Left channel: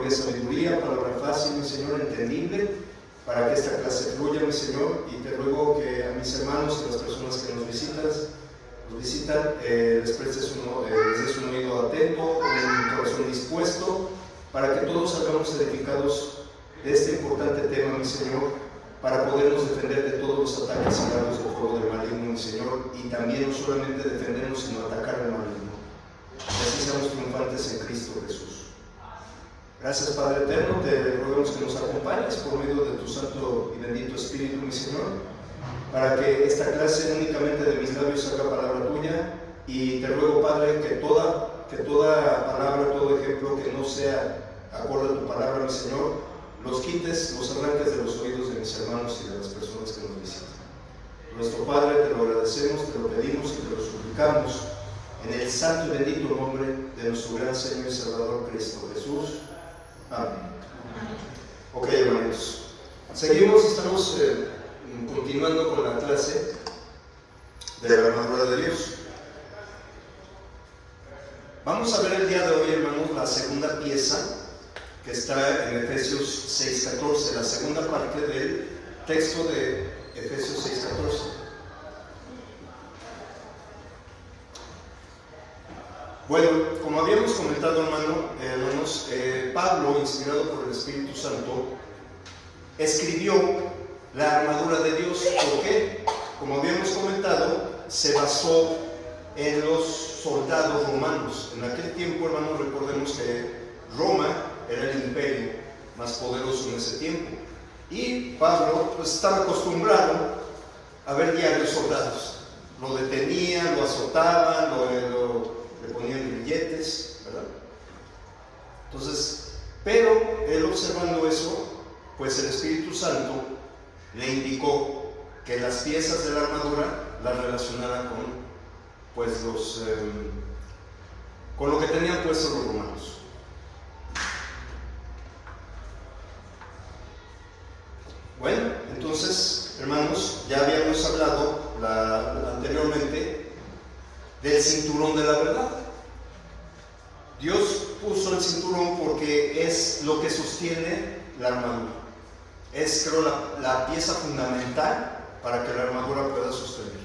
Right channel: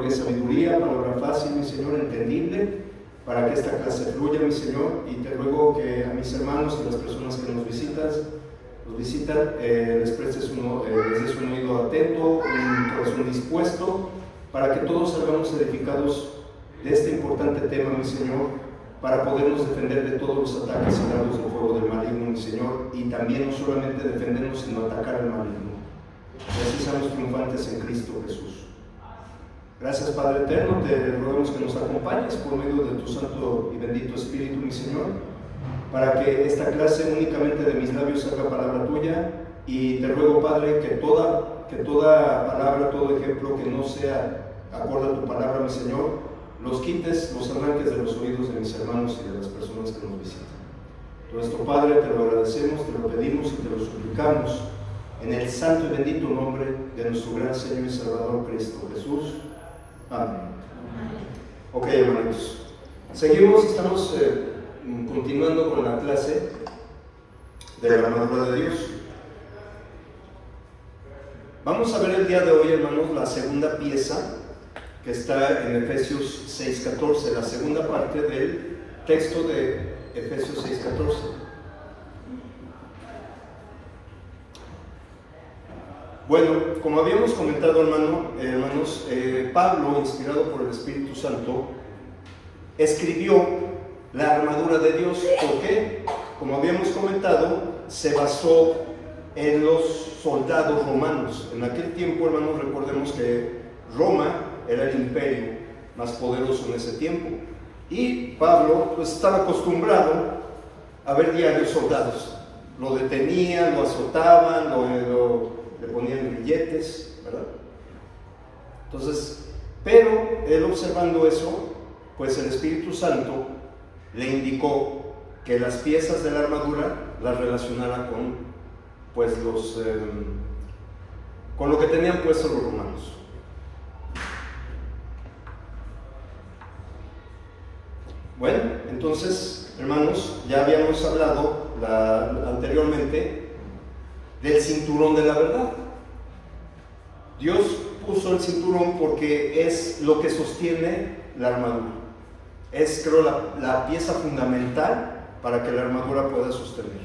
gloria y sabiduría, palabra fácil, mi Señor, entendible, para que esta clase fluya, mi Señor, y te ruego que a mis hermanos y las personas que nos visitan, les prestes les des un oído atento, un corazón dispuesto, para que todos salgamos edificados de este importante tema, mi Señor, para podernos defender de todos los ataques y dardos del fuego del maligno, mi Señor, y también no solamente defendernos, sino atacar al maligno. Y así seamos triunfantes en Cristo Jesús. Gracias, Padre eterno, te rogamos que nos acompañes por medio de tu santo y bendito Espíritu, mi Señor, para que esta clase únicamente de mis labios salga palabra tuya, y te ruego, Padre, que toda palabra, todo ejemplo que no sea acorde a tu palabra, mi Señor, los quites, los arranques de los oídos de mis hermanos y de las personas que nos visitan. Nuestro Padre, te lo agradecemos, te lo pedimos y te lo suplicamos en el santo y bendito nombre de nuestro gran Señor y Salvador Cristo Jesús. Amén. Ok, hermanos, seguimos, estamos continuando con la clase de la armadura de Dios. Vamos a ver el día de hoy, hermanos, la segunda pieza que está en Efesios 6:14, la segunda parte del texto de Efesios 6:14. Bueno, como habíamos comentado, hermanos, Pablo, inspirado por el Espíritu Santo, escribió la armadura de Dios. ¿Por qué? Como habíamos comentado, se basó en los soldados romanos. En aquel tiempo, hermanos, recordemos que Roma era el imperio más poderoso en ese tiempo. Y Pablo pues, estaba acostumbrado a ver diarios soldados. Lo detenían, lo azotaban, le ponían grilletes, ¿verdad? Entonces, pero él observando eso, pues el Espíritu Santo le indicó que las piezas de la armadura las relacionara con, pues, con lo que tenían puestos los romanos. Bueno, entonces, hermanos, ya habíamos hablado anteriormente del cinturón de la verdad. Dios puso el cinturón porque es lo que sostiene la armadura. Es, creo, la pieza fundamental para que la armadura pueda sostener.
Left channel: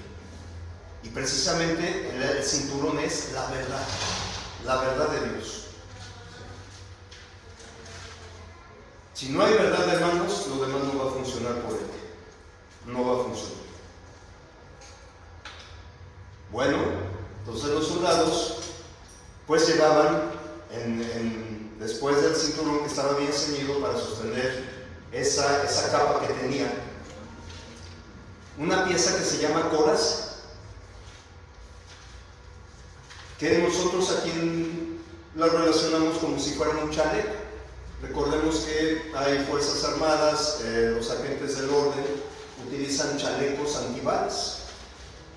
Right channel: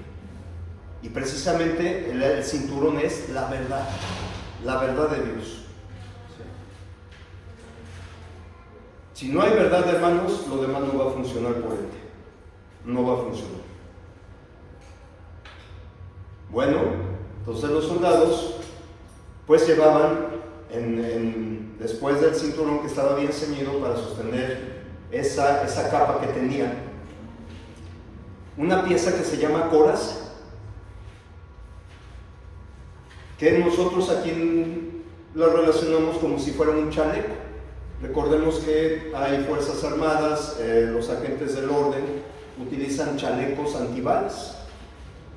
Y precisamente el cinturón es la verdad de Dios. Si no hay verdad, hermanos, lo demás no va a funcionar por él. No va a funcionar. Bueno, entonces los soldados pues llevaban después del cinturón que estaba bien ceñido para sostener esa capa que tenía, una pieza que se llama coraz, que nosotros aquí la relacionamos como si fuera un chaleco. Recordemos que hay fuerzas armadas, los agentes del orden utilizan chalecos antibalas,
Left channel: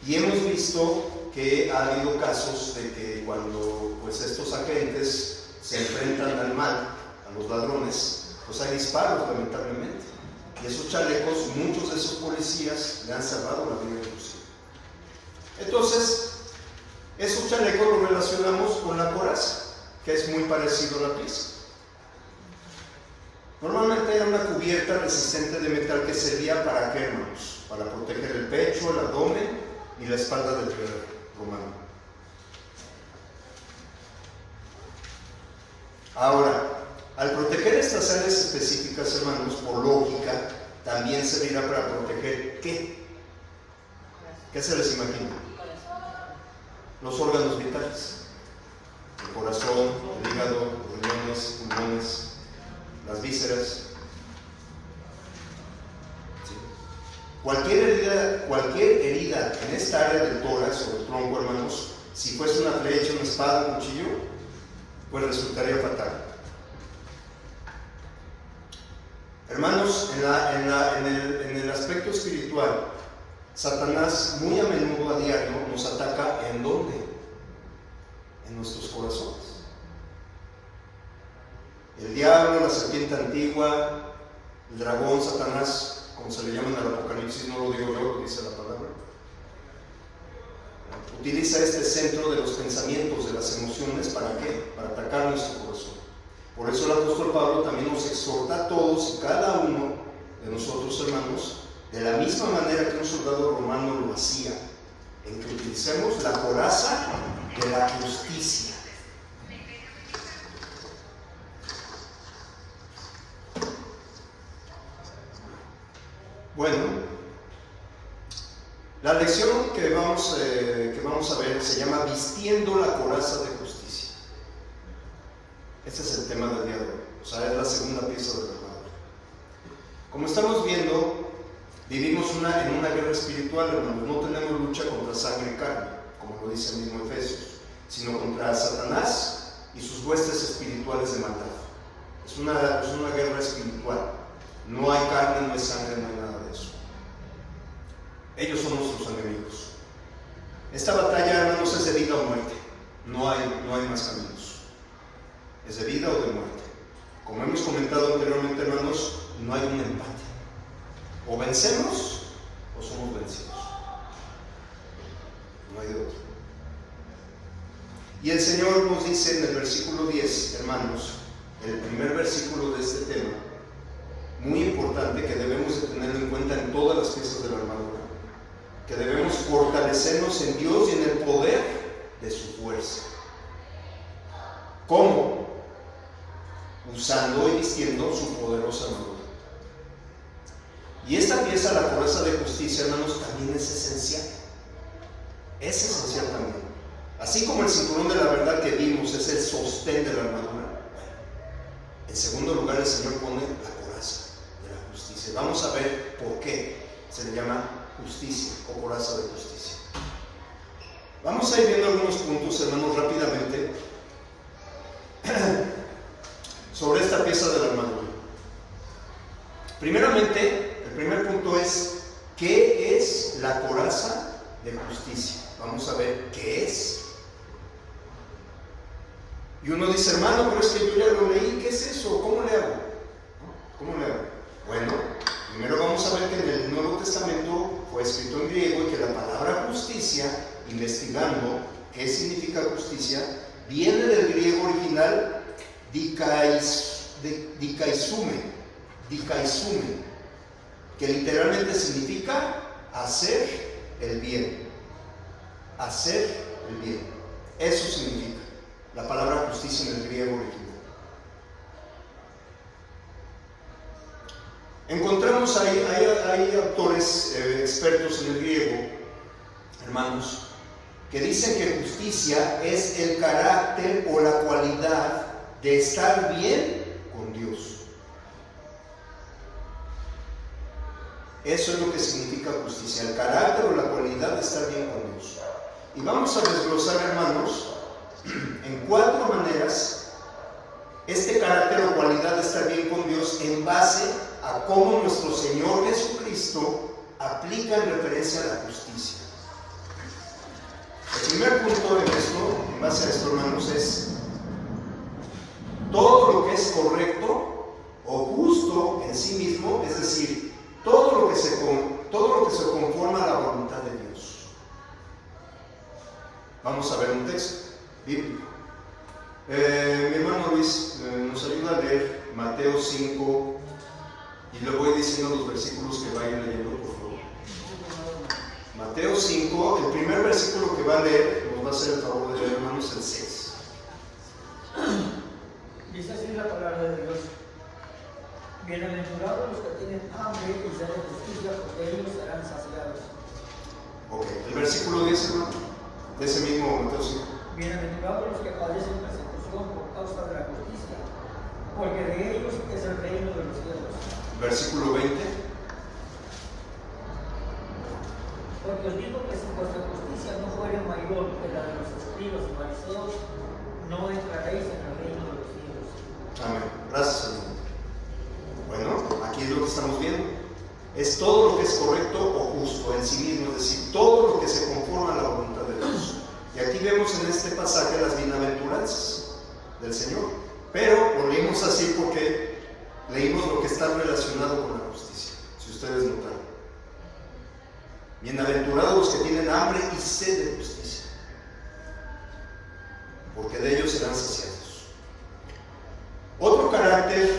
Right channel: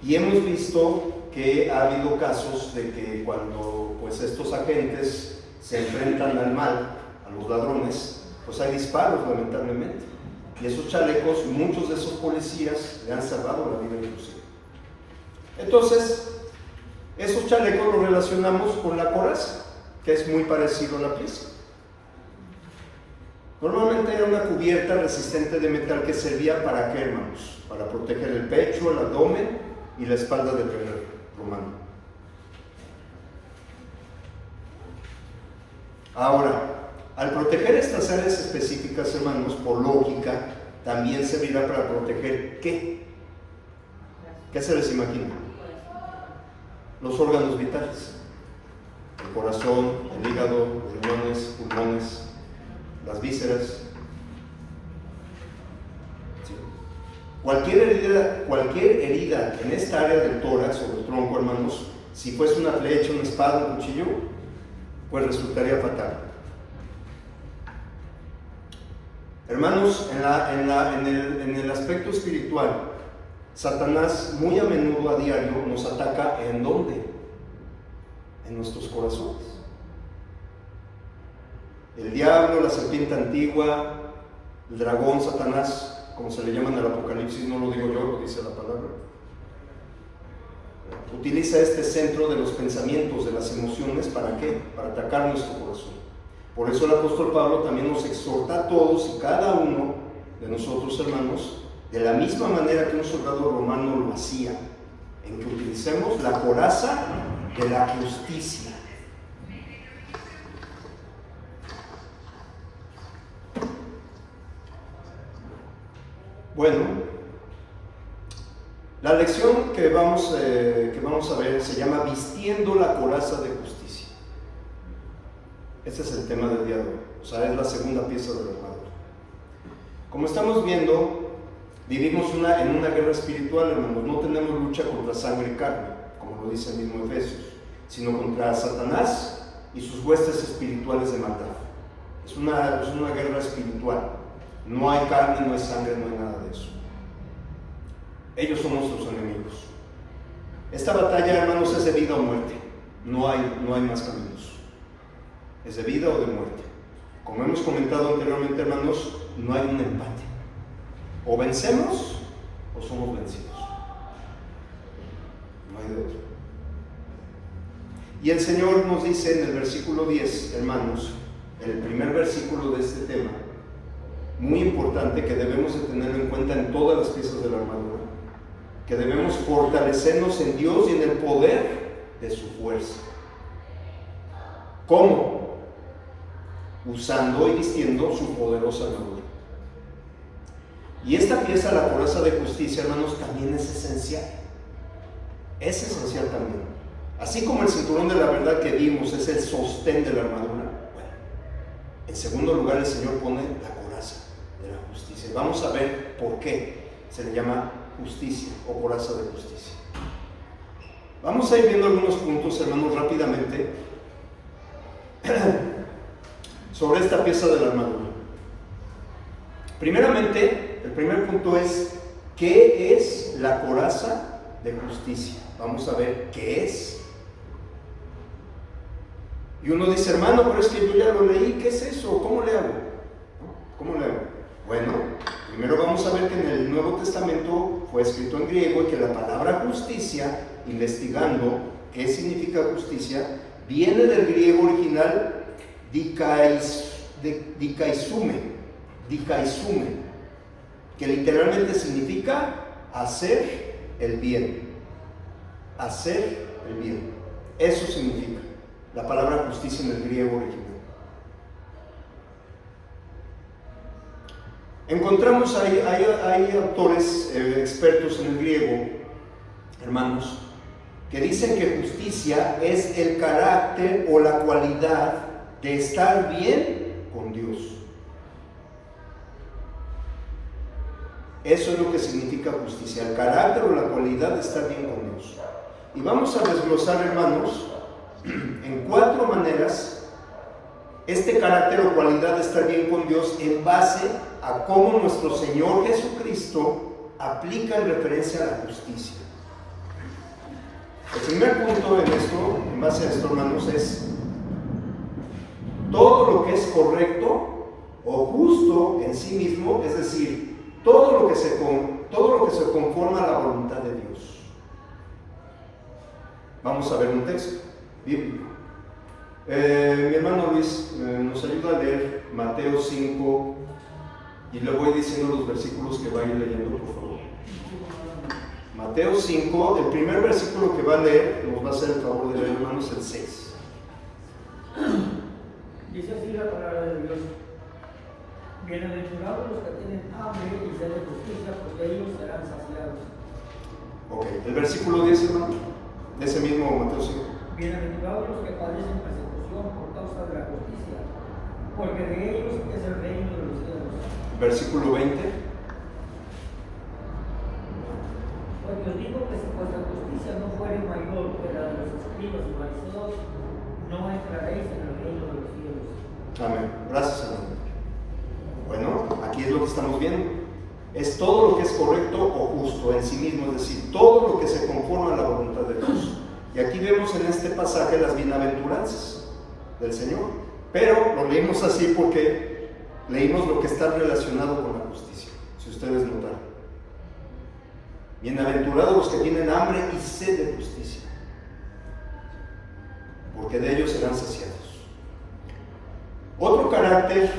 y hemos visto que ha habido casos de que cuando pues estos agentes se enfrentan al mal, a los ladrones, pues hay disparos, lamentablemente, y esos chalecos, muchos de esos policías le han salvado la vida inclusive. Entonces, esos chalecos los relacionamos con la coraza, que es muy parecido a la pieza. Normalmente era una cubierta resistente de metal que servía para ¿qué, hermanos? Para proteger el pecho, el abdomen y la espalda del romano. Ahora, al proteger estas áreas específicas, hermanos, por lógica, también servirá para proteger ¿qué? ¿Qué se les imagina? Los órganos vitales. El corazón, el hígado, los riñones, pulmones, las vísceras. ¿Sí? Cualquier herida en esta área del tórax o del tronco, hermanos, si fuese una flecha, una espada, un cuchillo, pues resultaría fatal. Hermanos, en el aspecto espiritual, Satanás muy a menudo, a diario, nos ataca. ¿En dónde? En nuestros corazones. El diablo, la serpiente antigua, el dragón, Satanás, como se le llama en el Apocalipsis, no lo digo yo, lo dice la palabra, utiliza este centro de los pensamientos, de las emociones, ¿para qué? Para atacar nuestro corazón. Por eso el apóstol Pablo también nos exhorta a todos y cada uno de nosotros, hermanos, de la misma manera que un soldado romano lo hacía, en que utilicemos la coraza de la justicia. Bueno, la lección que vamos a ver se llama Vistiendo la coraza de justicia. Este es el tema del día de hoy, o sea, es la segunda pieza de la armadura. Como estamos viendo, vivimos en una guerra espiritual, hermanos. No tenemos lucha contra sangre y carne, como lo dice el mismo Efesios, sino contra Satanás y sus huestes espirituales de maldad. Es una guerra espiritual. No hay carne, no hay sangre, no hay nada de eso. Ellos son nuestros enemigos. Esta batalla, hermanos, es de vida o muerte. No hay más caminos. Es de vida o de muerte. Como hemos comentado anteriormente, hermanos, no hay un empate. O vencemos o somos vencidos. No hay de otro. Y el Señor nos dice en el versículo 10, hermanos, el primer versículo de este tema, muy importante, que debemos de tener en cuenta en todas las piezas de la armadura, que debemos fortalecernos en Dios y en el poder de su fuerza. ¿Cómo? Usando y vistiendo su poderosa armadura. Y esta pieza, la coraza de justicia, hermanos, también es esencial. Es esencial también. Así como el cinturón de la verdad que vimos es el sostén de la armadura, bueno, en segundo lugar el Señor pone la coraza de la justicia. Vamos a ver por qué se le llama justicia o coraza de justicia. Vamos a ir viendo algunos puntos, hermanos, rápidamente sobre esta pieza de la armadura. Primeramente, el primer punto es: ¿qué es la coraza de justicia? Vamos a ver qué es. Y uno dice, hermano, pero es que yo ya lo leí, ¿qué es eso? ¿Cómo le hago? ¿Cómo le hago? Bueno, primero vamos a ver que en el Nuevo Testamento fue escrito en griego y que la palabra justicia, investigando qué significa justicia, viene del griego original dikaisume, que literalmente significa hacer el bien. Hacer el bien. Eso significa la palabra justicia en el griego original. Encontramos hay autores expertos en el griego, hermanos, que dicen que justicia es el carácter o la cualidad de estar bien con Dios. Eso es lo que significa justicia, el carácter o la cualidad de estar bien con Dios. Y vamos a desglosar, hermanos, en 4 maneras este carácter o cualidad de estar bien con Dios en base a cómo nuestro Señor Jesucristo aplica en referencia a la justicia. El primer punto en base a esto, hermanos, es todo lo que es correcto o justo en sí mismo, es decir, todo lo que se conforma a la voluntad de Dios. Vamos a ver un texto bíblico. Mi hermano Luis nos ayuda a leer Mateo 5 y le voy diciendo los versículos que vayan leyendo, por favor. Mateo 5, el primer versículo que va a leer, nos va a hacer el favor de leer, hermanos, el 6. Dice así la palabra de Dios: bienaventurados los que tienen hambre y sed de justicia, porque ellos serán saciados. Ok, el versículo 10, hermano, de ese mismo Mateo 5. Bienaventurados los que padecen persecución por causa de la justicia, porque de ellos es el reino de los cielos. Versículo 20. Porque os digo que si vuestra justicia no fuere mayor que la de los escribas y fariseos, no entraréis en el reino de los cielos. Amén. Gracias, hermano. Bueno, aquí es lo que estamos viendo. Es todo lo que es correcto o justo en sí mismo, es decir, todo lo que se conforma a la voluntad de Dios. Y aquí vemos en este pasaje las bienaventuranzas del Señor, pero lo leímos así porque leímos lo que está relacionado con la justicia, si ustedes notaron. Bienaventurados los que tienen hambre y sed de justicia, porque de ellos serán saciados. Otro carácter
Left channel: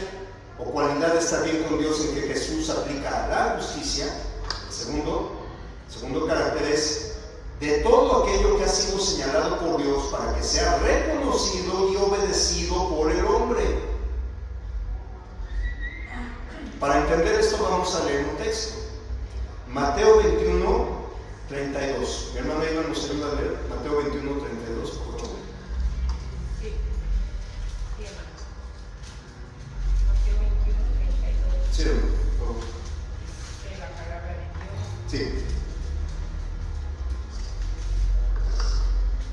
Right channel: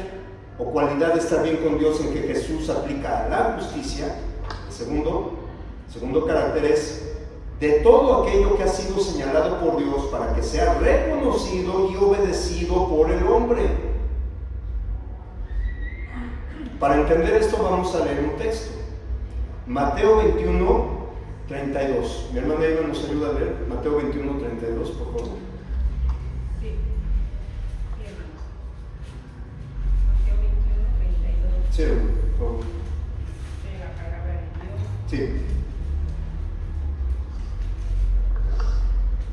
o cualidad de estar bien con Dios en que Jesús aplica la justicia, el segundo carácter es de todo aquello que ha sido señalado por Dios para que sea reconocido y obedecido por el hombre. Para entender esto vamos a leer un texto. Mateo 21, 32. Mi hermana Eva nos ayuda a leer. Mateo 21, 32, por favor. Sí, hermano. Mateo 21, 32. Sí, por favor. De la palabra de Dios. Sí.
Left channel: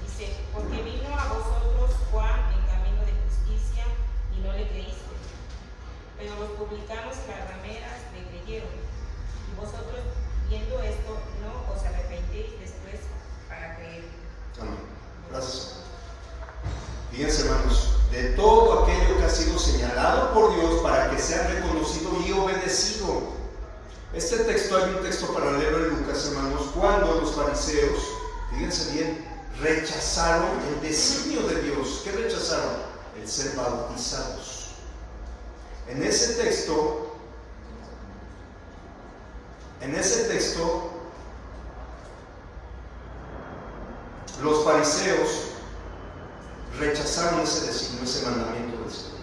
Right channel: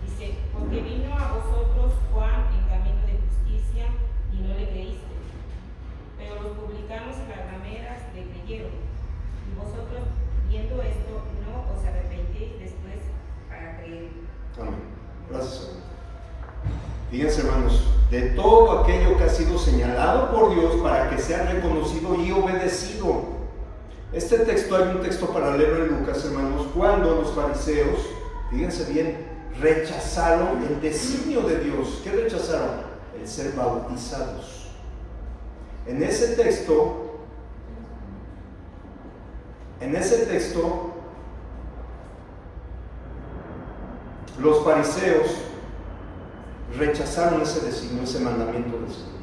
Dice, porque vino a vosotros Juan en camino de justicia y no le creísteis, pero los publicanos y las rameras le creyeron. Y vosotros, viendo esto, no os arrepentéis después para creer. Amén. Gracias. Fíjense, hermanos, de todo aquello que ha sido señalado por Dios para que sea reconocido y obedecido. Este texto, hay un texto paralelo en Lucas, hermanos, cuando los fariseos, fíjense bien, rechazaron el designio de Dios. ¿Qué rechazaron? El ser bautizados. En ese texto, los fariseos rechazaron ese designio, ese mandamiento del Señor,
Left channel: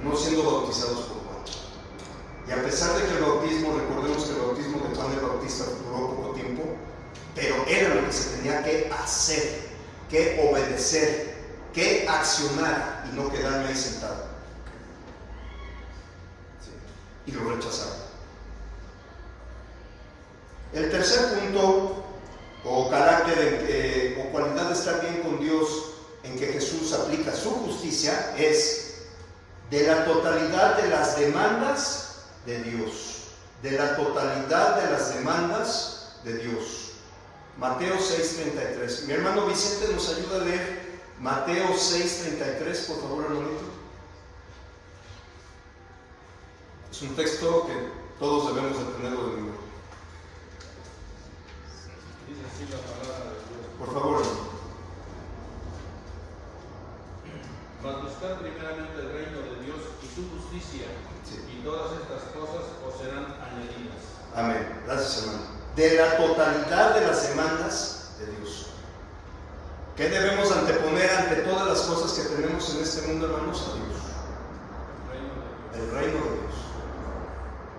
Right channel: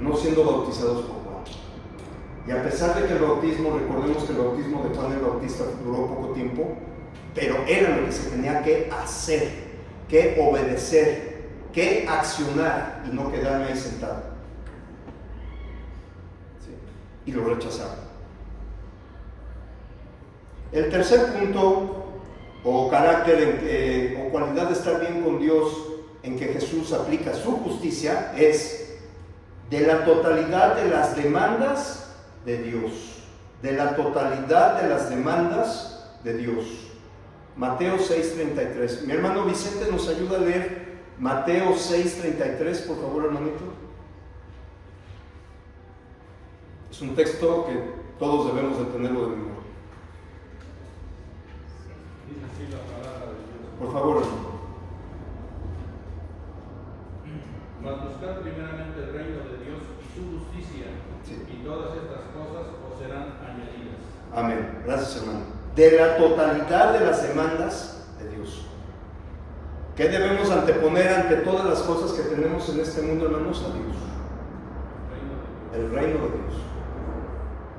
no siendo bautizados por Juan. Y a pesar de que el bautismo, recordemos que el bautismo de Juan el Bautista duró poco tiempo, pero era lo que se tenía que hacer, que obedecer, que accionar y no quedarme ahí sentado. Sí. Y lo rechazaron. El tercer punto o carácter o cualidad de estar bien con Dios en que Jesús aplica su justicia es de la totalidad de las demandas de Dios. De la totalidad de las demandas de Dios. Mateo 6:33. Mi hermano Vicente nos ayuda a leer Mateo 6:33, por favor, hermanito. Es un texto que todos debemos de tenerlo de memoria. Dice así la palabra de Dios. Por favor, hermano. Mas buscar primeramente el reino de Dios y su justicia, Sí. y todas estas cosas os serán añadidas. Amén. Gracias, hermano. De la totalidad de las demandas de Dios. ¿Qué debemos anteponer ante todas las cosas que tenemos en este mundo, hermanos? A Dios. El reino de Dios.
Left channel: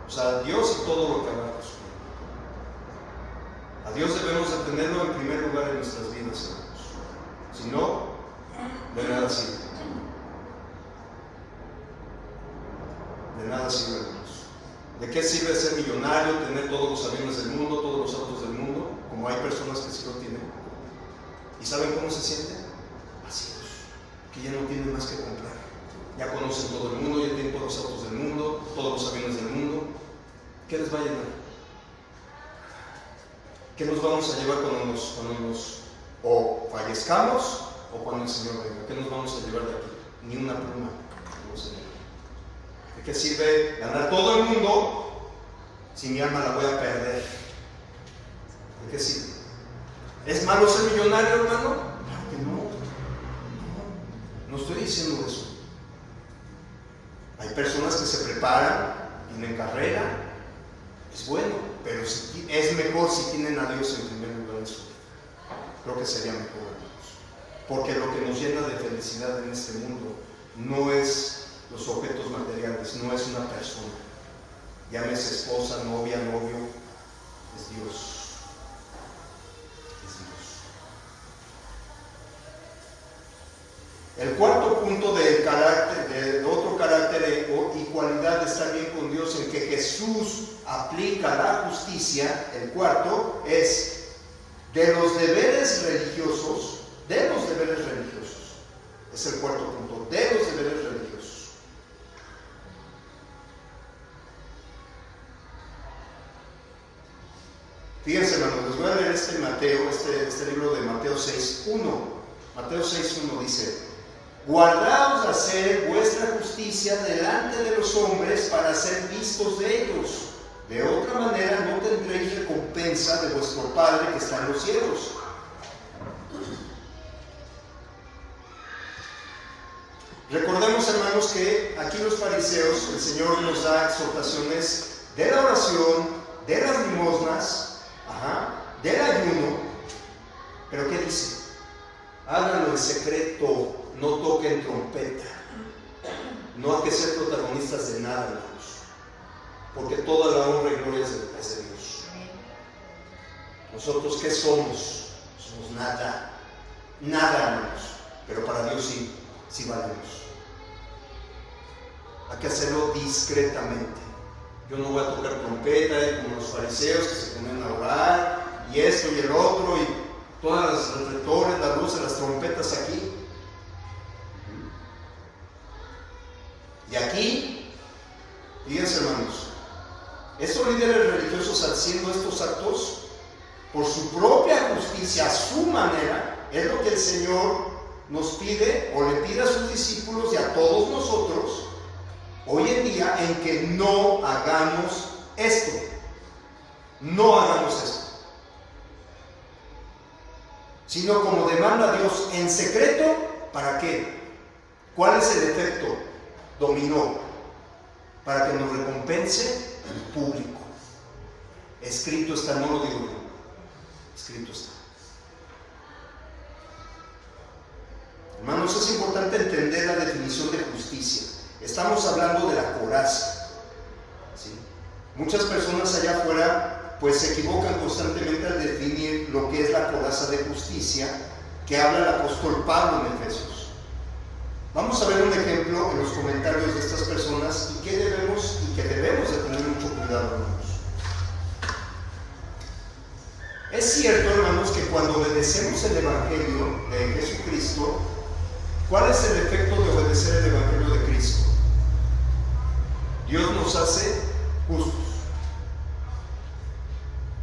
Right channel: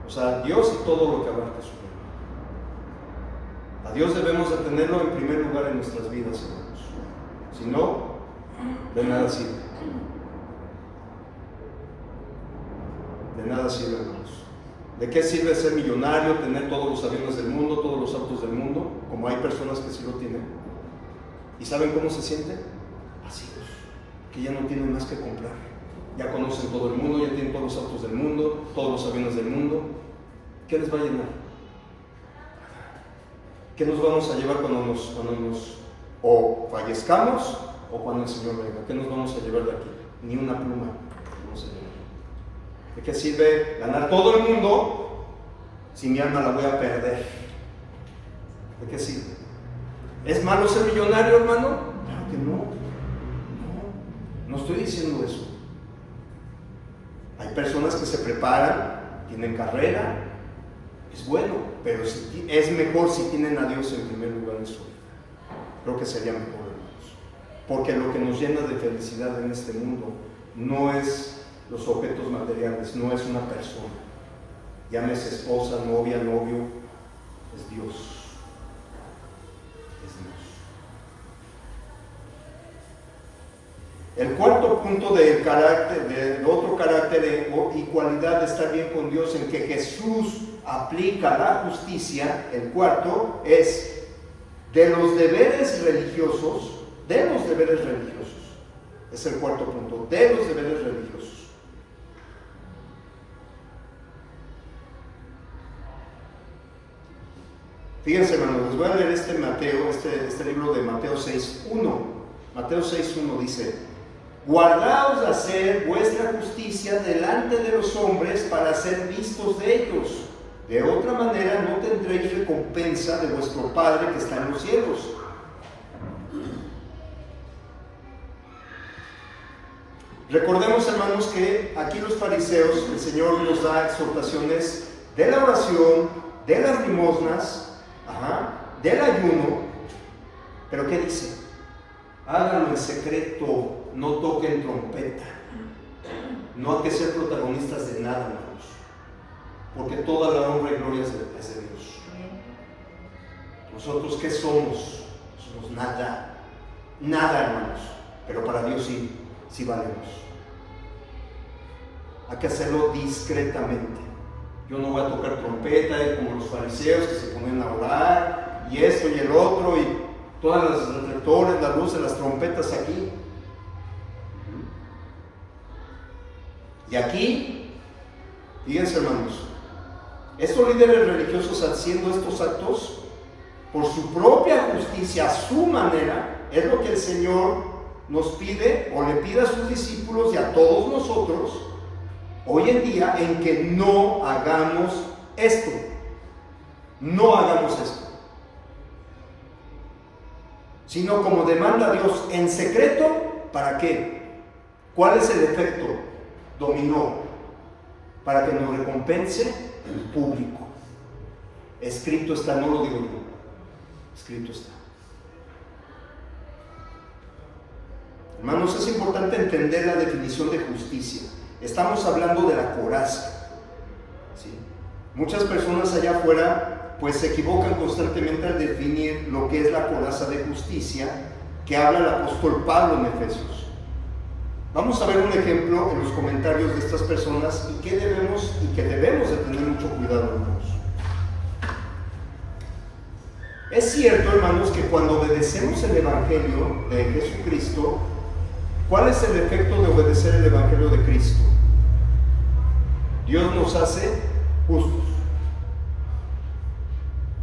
O sea, Dios y todo lo que abarca su reino. A Dios debemos de tenerlo en primer lugar en nuestras vidas, hermanos. Si no, de nada sirve. De nada sirve, hermanos. ¿De qué sirve ser millonario, tener todos los aviones del mundo, todos los autos del mundo, como hay personas que sí lo tienen? ¿Y saben cómo se sienten? Vacíos, que ya no tienen más que comprar. Ya conocen todo el mundo, ya tienen todos los autos del mundo, todos los aviones del mundo. ¿Qué les va a llenar? ¿Qué nos vamos a llevar cuando nos o fallezcamos o cuando el Señor venga? ¿Qué nos vamos a llevar de aquí? Ni una pluma vamos a llevar. ¿De qué sirve ganar todo el mundo si mi alma la voy a perder? ¿De qué sirve? ¿Es malo ser millonario, hermano? Claro que no. No estoy diciendo eso. Hay personas que se preparan, tienen carrera, es bueno, pero es mejor si tienen a Dios en primer lugar en su vida. Creo que sería mejor, hermanos. Porque lo que nos llena de felicidad en este mundo no es los objetos materiales, no es una persona. Llámese esposa, novia, novio, es Dios. El cuarto punto del carácter, de otro carácter y cualidad de estar bien con Dios en que Jesús aplica la justicia, el cuarto es de los deberes religiosos, es el cuarto punto, de los deberes religiosos. Fíjense, hermanos, les voy a leer este libro de Mateo 6:1. Mateo 6:1 dice: guardaos de hacer vuestra justicia delante de los hombres para ser vistos de ellos. De otra manera no tendréis recompensa de vuestro Padre que está en los cielos. Recordemos, hermanos, que aquí los fariseos, el Señor nos da exhortaciones de la oración, de las limosnas, del ayuno, pero ¿qué dice? Háganlo en secreto, no toquen trompeta. No hay que ser protagonistas de nada, hermanos, porque toda la honra y gloria es de Dios. Nosotros, ¿qué somos? Somos nada, hermanos, pero para Dios sí valemos. Hay que hacerlo discretamente. Yo no voy a tocar trompeta como los fariseos que se ponen a orar y esto y el otro y todas las reflectores, las luces, las trompetas aquí. Y aquí, fíjense, hermanos, estos líderes religiosos haciendo estos actos por su propia justicia, a su manera, es lo que el Señor nos pide o le pide a sus discípulos y a todos nosotros hoy en día, en que no hagamos esto. No hagamos esto. Sino como demanda Dios en secreto, ¿para qué? ¿Cuál es el efecto? Dominó, para que nos recompense en público. Escrito está, no lo digo yo, escrito está. Hermanos, es importante entender la definición de justicia. Estamos hablando de la coraza, ¿sí? Muchas personas allá afuera pues se equivocan constantemente al definir lo que es la coraza de justicia que habla el apóstol Pablo en Efesios. Vamos a ver un ejemplo en los comentarios de estas personas y que debemos de tener mucho cuidado, hermanos. Es cierto, hermanos, que cuando obedecemos el Evangelio de Jesucristo, ¿cuál es el efecto de obedecer el Evangelio de Cristo? Dios nos hace justos.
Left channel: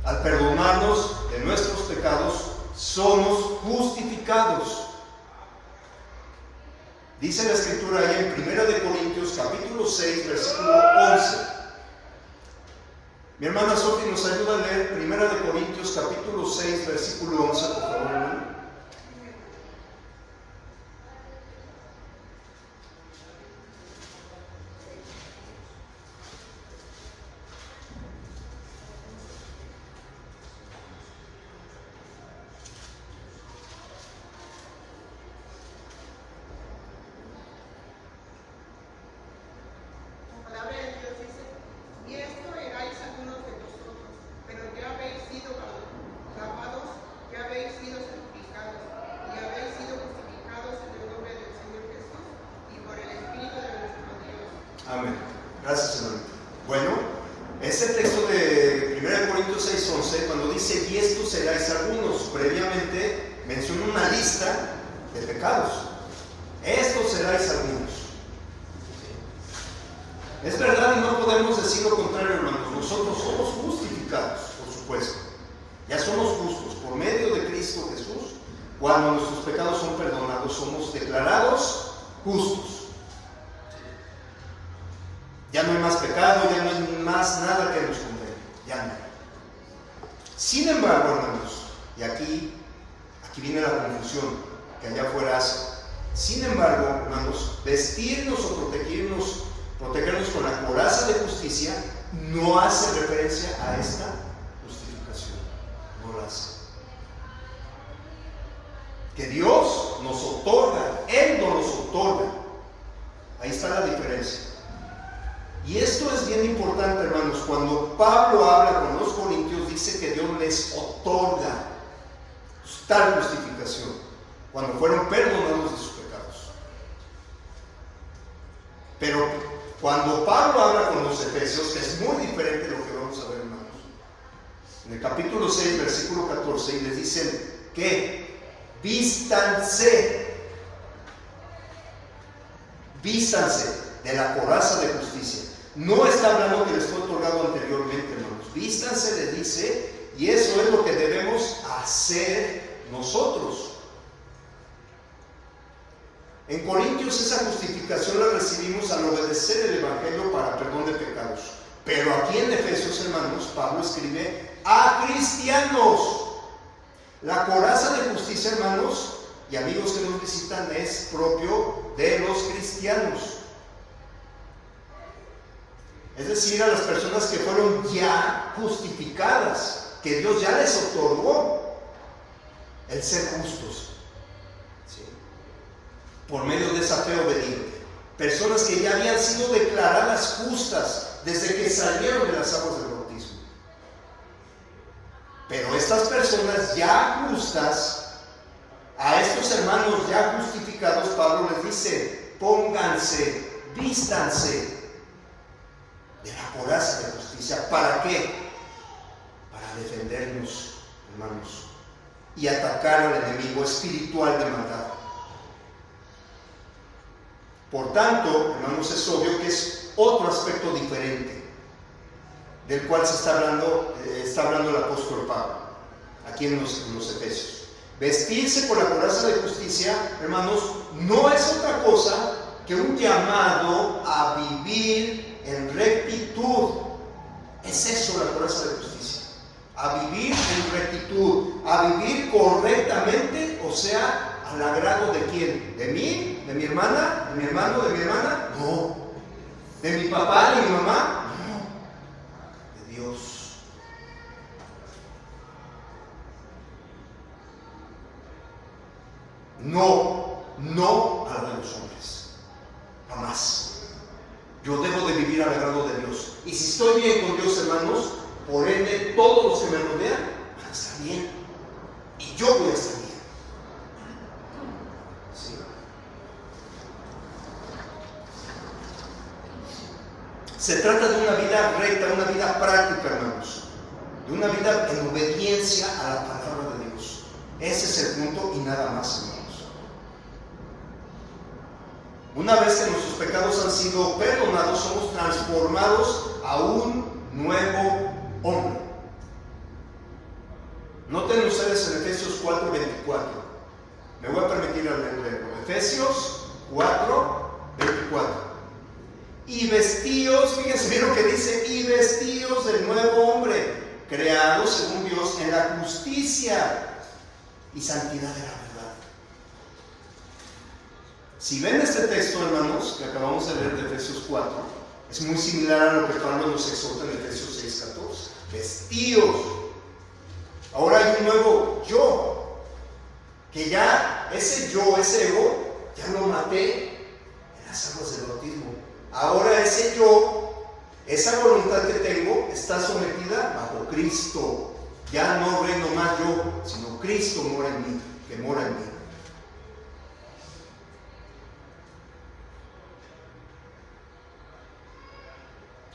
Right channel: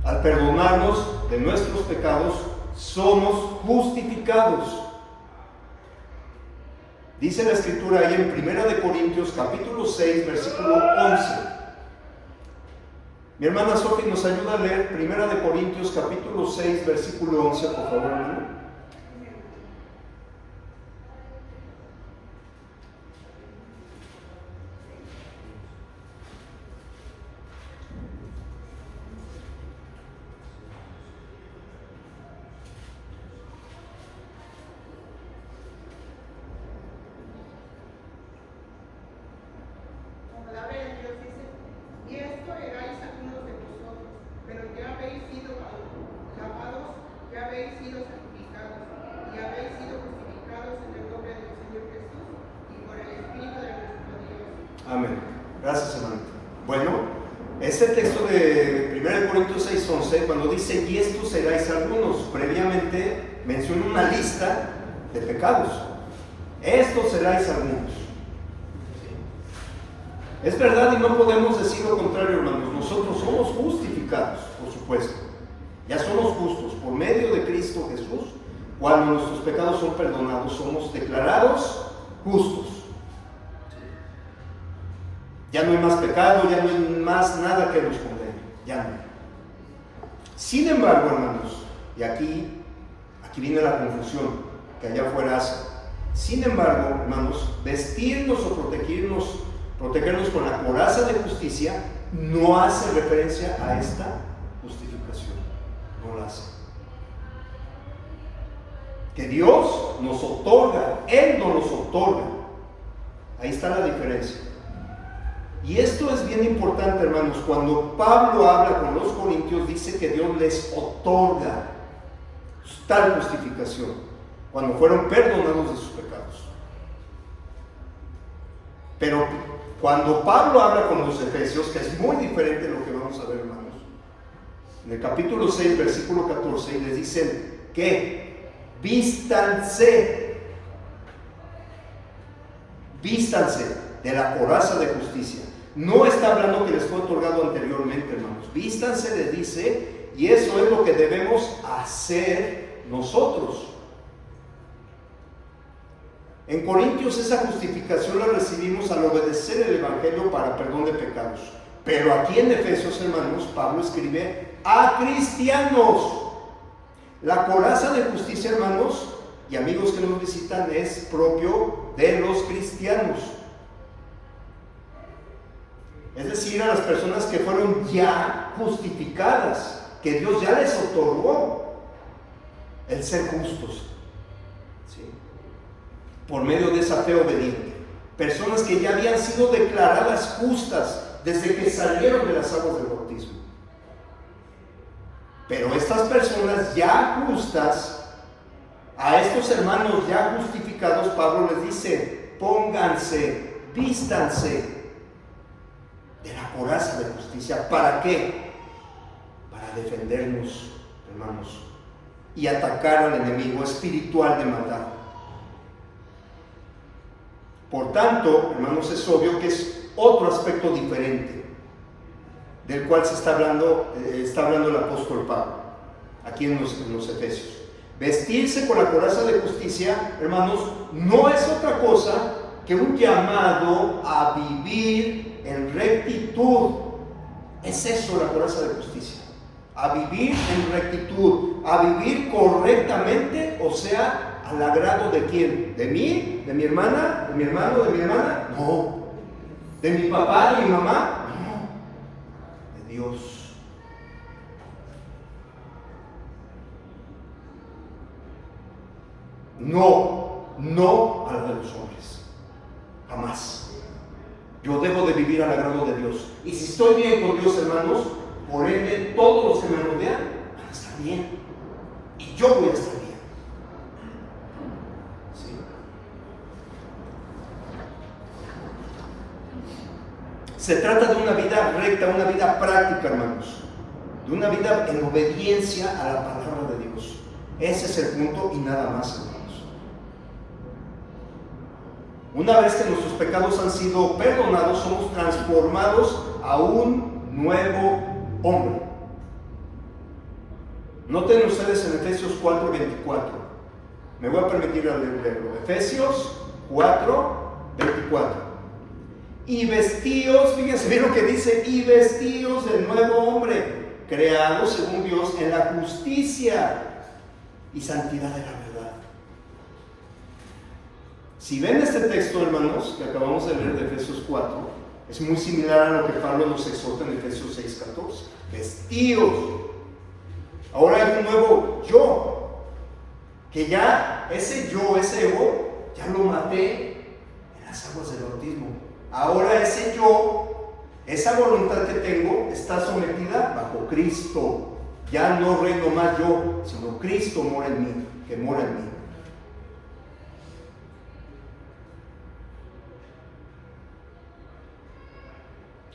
Al perdonarnos de nuestros pecados, somos justificados. Dice la Escritura ahí en 1 Corintios capítulo 6, versículo 11. Mi hermana Sofi nos ayuda a leer 1 Corintios capítulo 6, versículo 11, por favor, hermano. Amén. Gracias, hermano. Bueno, ese texto de 1 Corintios 6:11, cuando dice, y estos seráis algunos, previamente menciona una lista de pecados. Estos seráis algunos. Es verdad y no podemos decir lo contrario, hermanos. Nosotros somos justificados, por supuesto. Ya somos justos por medio de Cristo Jesús. Cuando nuestros pecados son perdonados, somos declarados justos. Ya no hay más pecado, ya no hay más nada que nos condene. Ya no. Sin embargo, hermanos, y aquí viene la confusión que allá afuera hace. Sin embargo, hermanos, vestirnos o protegernos con la coraza de justicia no hace referencia a esta justificación. No la hace. Que Dios nos otorga, Él no nos otorga. Ahí está la diferencia. Y esto es bien importante, hermanos. Cuando Pablo habla con los corintios, dice que Dios les otorga tal justificación cuando fueron perdonados de sus pecados. Pero cuando Pablo habla con los efesios, que es muy diferente de lo que vamos a ver, hermanos, en el capítulo 6, versículo 14, les dicen que vístanse de la coraza de justicia. No está hablando que les fue otorgado anteriormente, hermanos. Vístanse, le dice, y eso es lo que debemos hacer nosotros. En Corintios esa justificación la recibimos al obedecer el Evangelio para perdón de pecados. Pero aquí en Efesios, hermanos, Pablo escribe a cristianos. La coraza de justicia, hermanos y amigos que nos visitan, es propio de los cristianos. Es decir, a las personas que fueron ya justificadas, que Dios ya les otorgó el ser justos, ¿sí?, por medio de esa fe obediente. Personas que ya habían sido declaradas justas desde que salieron de las aguas del bautismo. Pero estas personas ya justas, a estos hermanos ya justificados, Pablo les dice: pónganse, vístanse de la coraza de justicia. ¿Para qué? Para defendernos, hermanos, y atacar al enemigo espiritual de maldad. Por tanto, hermanos, es obvio que es otro aspecto diferente del cual se está hablando el apóstol Pablo aquí en los Efesios. Vestirse con la coraza de justicia, hermanos, no es otra cosa que un llamado a vivir en rectitud. Es eso la coraza de justicia: a vivir en rectitud, a vivir correctamente, o sea, al agrado de quién. ¿De mí? ¿De mi hermana? ¿De mi hermano? ¿De mi hermana? No. ¿De mi papá? ¿De mi mamá? No. De Dios. No a la de los hombres. Jamás. Yo debo de vivir al agrado de Dios. Y si estoy bien con Dios, hermanos, por ende, todos los que me rodean van a estar bien. Y yo voy a estar bien. ¿Sí? Se trata de una vida recta, una vida práctica, hermanos. De una vida en obediencia a la palabra de Dios. Ese es el punto y nada más, hermanos. Una vez que nuestros pecados han sido perdonados, somos transformados a un nuevo hombre. Noten ustedes en Efesios 4:24. Me voy a permitir leerlo. Efesios 4:24. Y vestíos, fíjense bien lo que dice: y vestíos del nuevo hombre, creado según Dios en la justicia y santidad de la verdad. Si ven este texto, hermanos, que acabamos de leer de Efesios 4, es muy similar a lo que Pablo nos exhorta en Efesios 6:14. Vestíos. Ahora hay un nuevo yo, que ya ese yo, ese ego, ya lo maté en las aguas del bautismo. Ahora ese yo, esa voluntad que tengo, está sometida bajo Cristo. Ya no reino más yo, sino Cristo mora en mí, que mora en mí.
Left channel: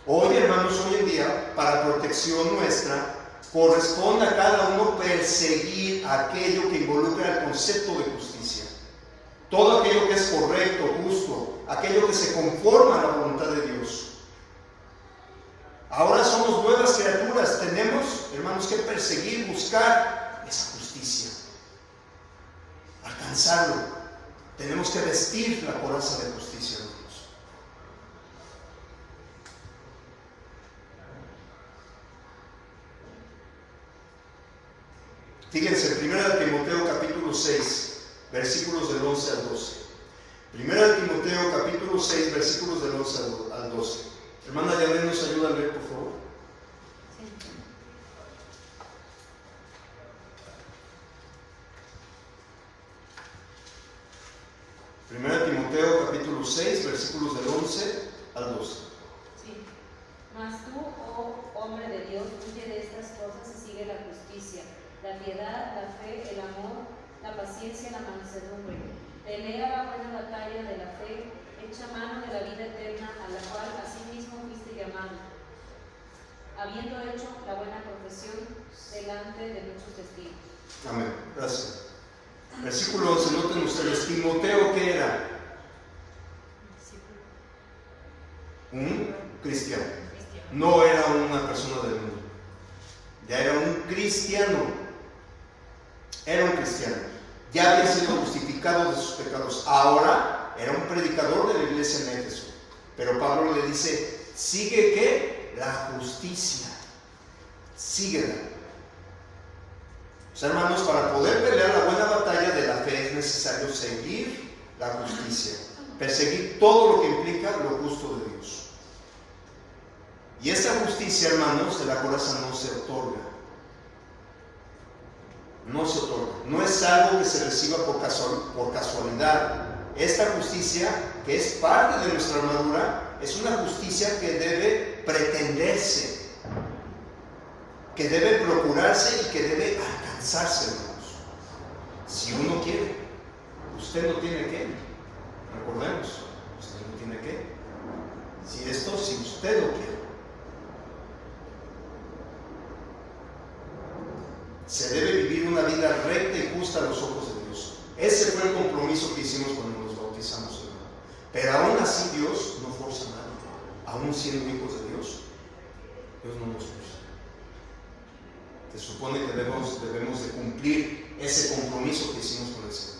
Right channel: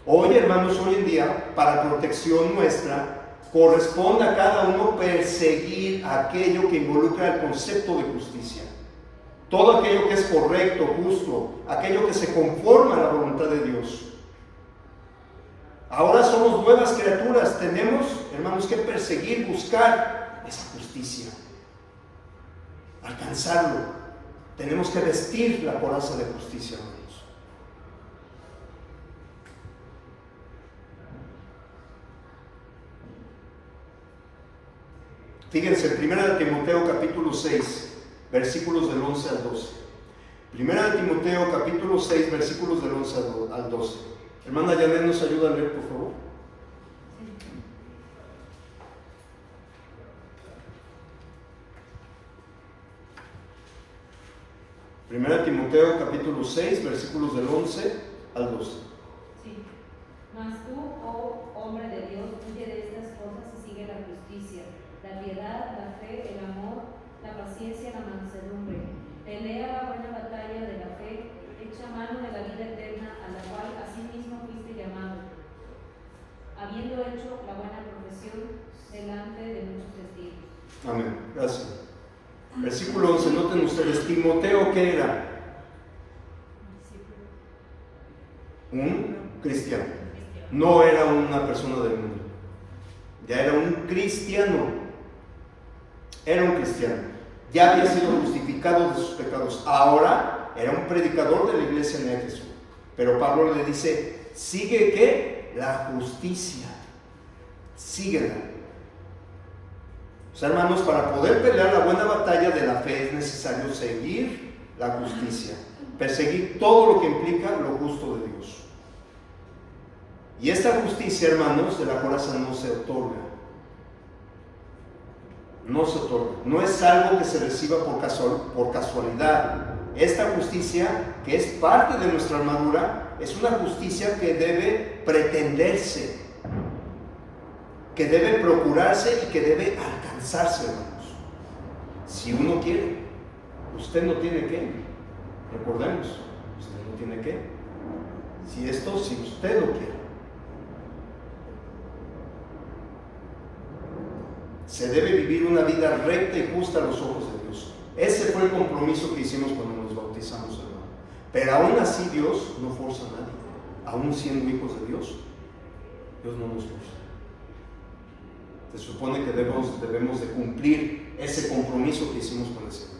Hoy, hermanos, hoy en día, para protección nuestra, corresponde a cada uno perseguir aquello que involucra el concepto de justicia. Todo aquello que es correcto, justo, aquello que se conforma a la voluntad de Dios. Ahora somos nuevas criaturas, tenemos, hermanos, que perseguir, buscar esa justicia, alcanzarlo. Tenemos que vestir la coraza de justicia, hermanos. Fíjense, 1 Timoteo capítulo 6, versículos del 11 al 12. 1 Timoteo capítulo 6, versículos del 11 al 12. Hermana Yanet, ¿nos ayuda a leer, por favor? Sí. 1 Timoteo capítulo 6, versículos del 11 al 12. Sí. Mas tú, oh hombre de Dios, huye de estas cosas y sigue la justicia, la piedad, la fe, el amor, la paciencia, la mansedumbre. Pelea la buena batalla de la fe, echa mano de la vida eterna, a la cual asimismo fuiste llamado, habiendo hecho la buena profesión delante de muchos testigos. Amén. Gracias. Versículo 11, noten ustedes, Timoteo, ¿qué era? Un cristiano. No era una persona del mundo. Ya era un cristiano. Era un cristiano. Ya había sido justificado de sus pecados. Ahora era un predicador de la iglesia en Éfeso. Pero Pablo le dice: sigue ¿qué? La justicia. Síguela. O sea, hermanos, para poder pelear la buena batalla de la fe es necesario seguir la justicia. perseguir todo lo que implica lo justo de Dios. Y esta justicia, hermanos, de la coraza no se otorga. No se otorga. No es algo que se reciba por casualidad. Esta justicia, que es parte de nuestra armadura, es una justicia que debe pretenderse, que debe procurarse y que debe alcanzarse, hermanos. Si uno quiere, usted no tiene que. Recordemos, usted no tiene que. Si usted lo quiere. Se debe vivir una vida recta y justa a los ojos de Dios. Ese fue el compromiso que hicimos cuando nos bautizamos, hermano. Pero aún así Dios no forza a nadie. Aún siendo hijos de Dios, Dios no nos forza. Se supone que debemos de cumplir ese compromiso que hicimos con el Señor.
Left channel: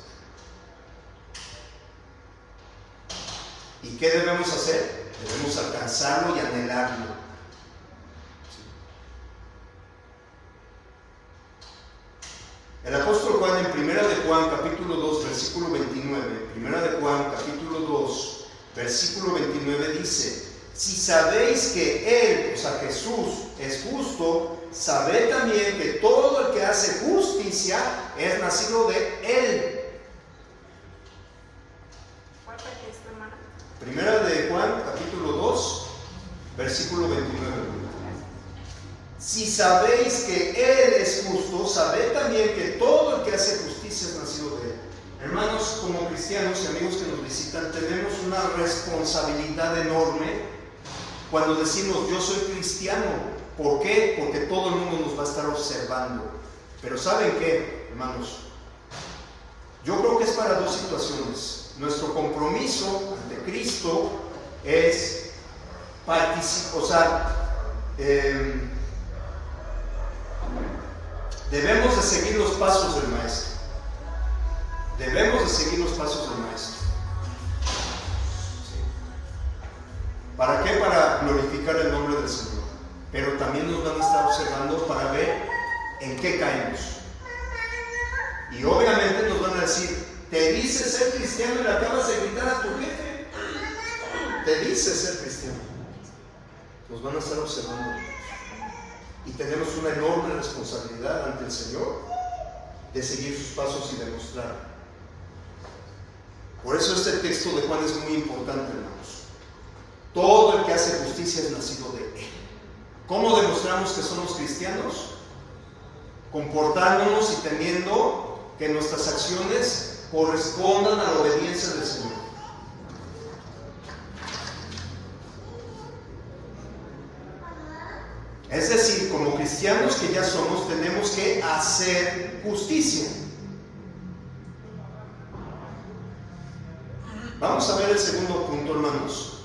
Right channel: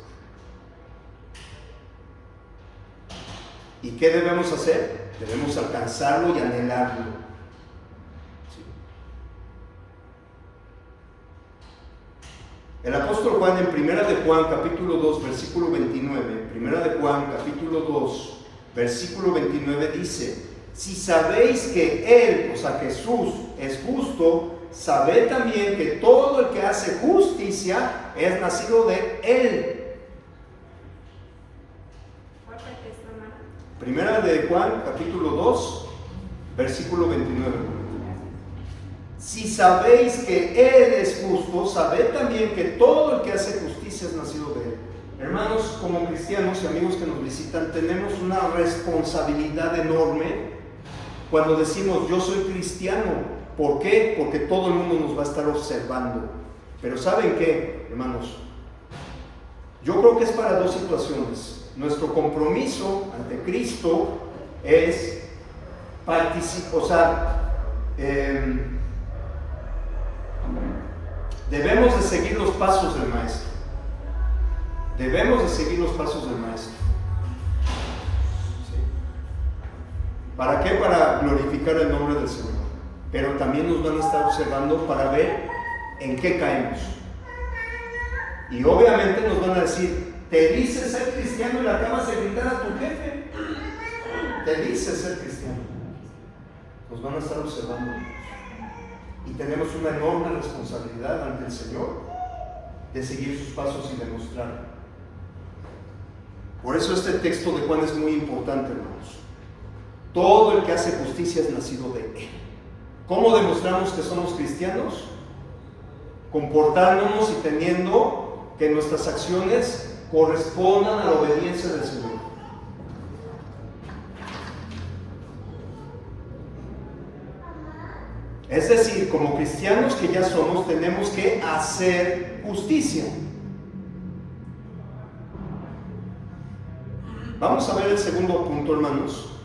¿Y qué debemos hacer? Debemos alcanzarlo y anhelarlo. El apóstol Juan en 1 de Juan capítulo 2 versículo 29, 1 de Juan capítulo 2 versículo 29 dice: si sabéis que Él, o sea Jesús, es justo, sabed también que todo el que hace justicia es nacido de Él. ¿Cuál es esto, hermano? 1 de Juan capítulo 2 versículo 29. Si sabéis que Él es justo, sabed también que todo el que hace justicia es nacido de Él. Hermanos, como cristianos y amigos que nos visitan, tenemos una responsabilidad enorme cuando decimos yo soy cristiano. ¿Por qué? Porque todo el mundo nos va a estar observando. Pero ¿saben qué, hermanos? Yo creo que es para dos situaciones. Nuestro compromiso ante Cristo es debemos de seguir los pasos del Maestro. Debemos de seguir los pasos del Maestro. ¿Sí? ¿Para qué? Para glorificar el nombre del Señor. Pero también nos van a estar observando para ver en qué caemos. Y obviamente nos van a decir: te dices ser cristiano y le acabas de gritar a tu jefe. Te dices ser cristiano. Nos van a estar observando. Y tenemos una enorme responsabilidad ante el Señor de seguir sus pasos y demostrar. Por eso este texto de Juan es muy importante, hermanos. Todo el que hace justicia es nacido de Él. ¿Cómo demostramos que somos cristianos? Comportándonos y teniendo que nuestras acciones correspondan a la obediencia del Señor. Es decir, como cristianos que ya somos, tenemos que hacer justicia. Vamos a ver el segundo punto, hermanos.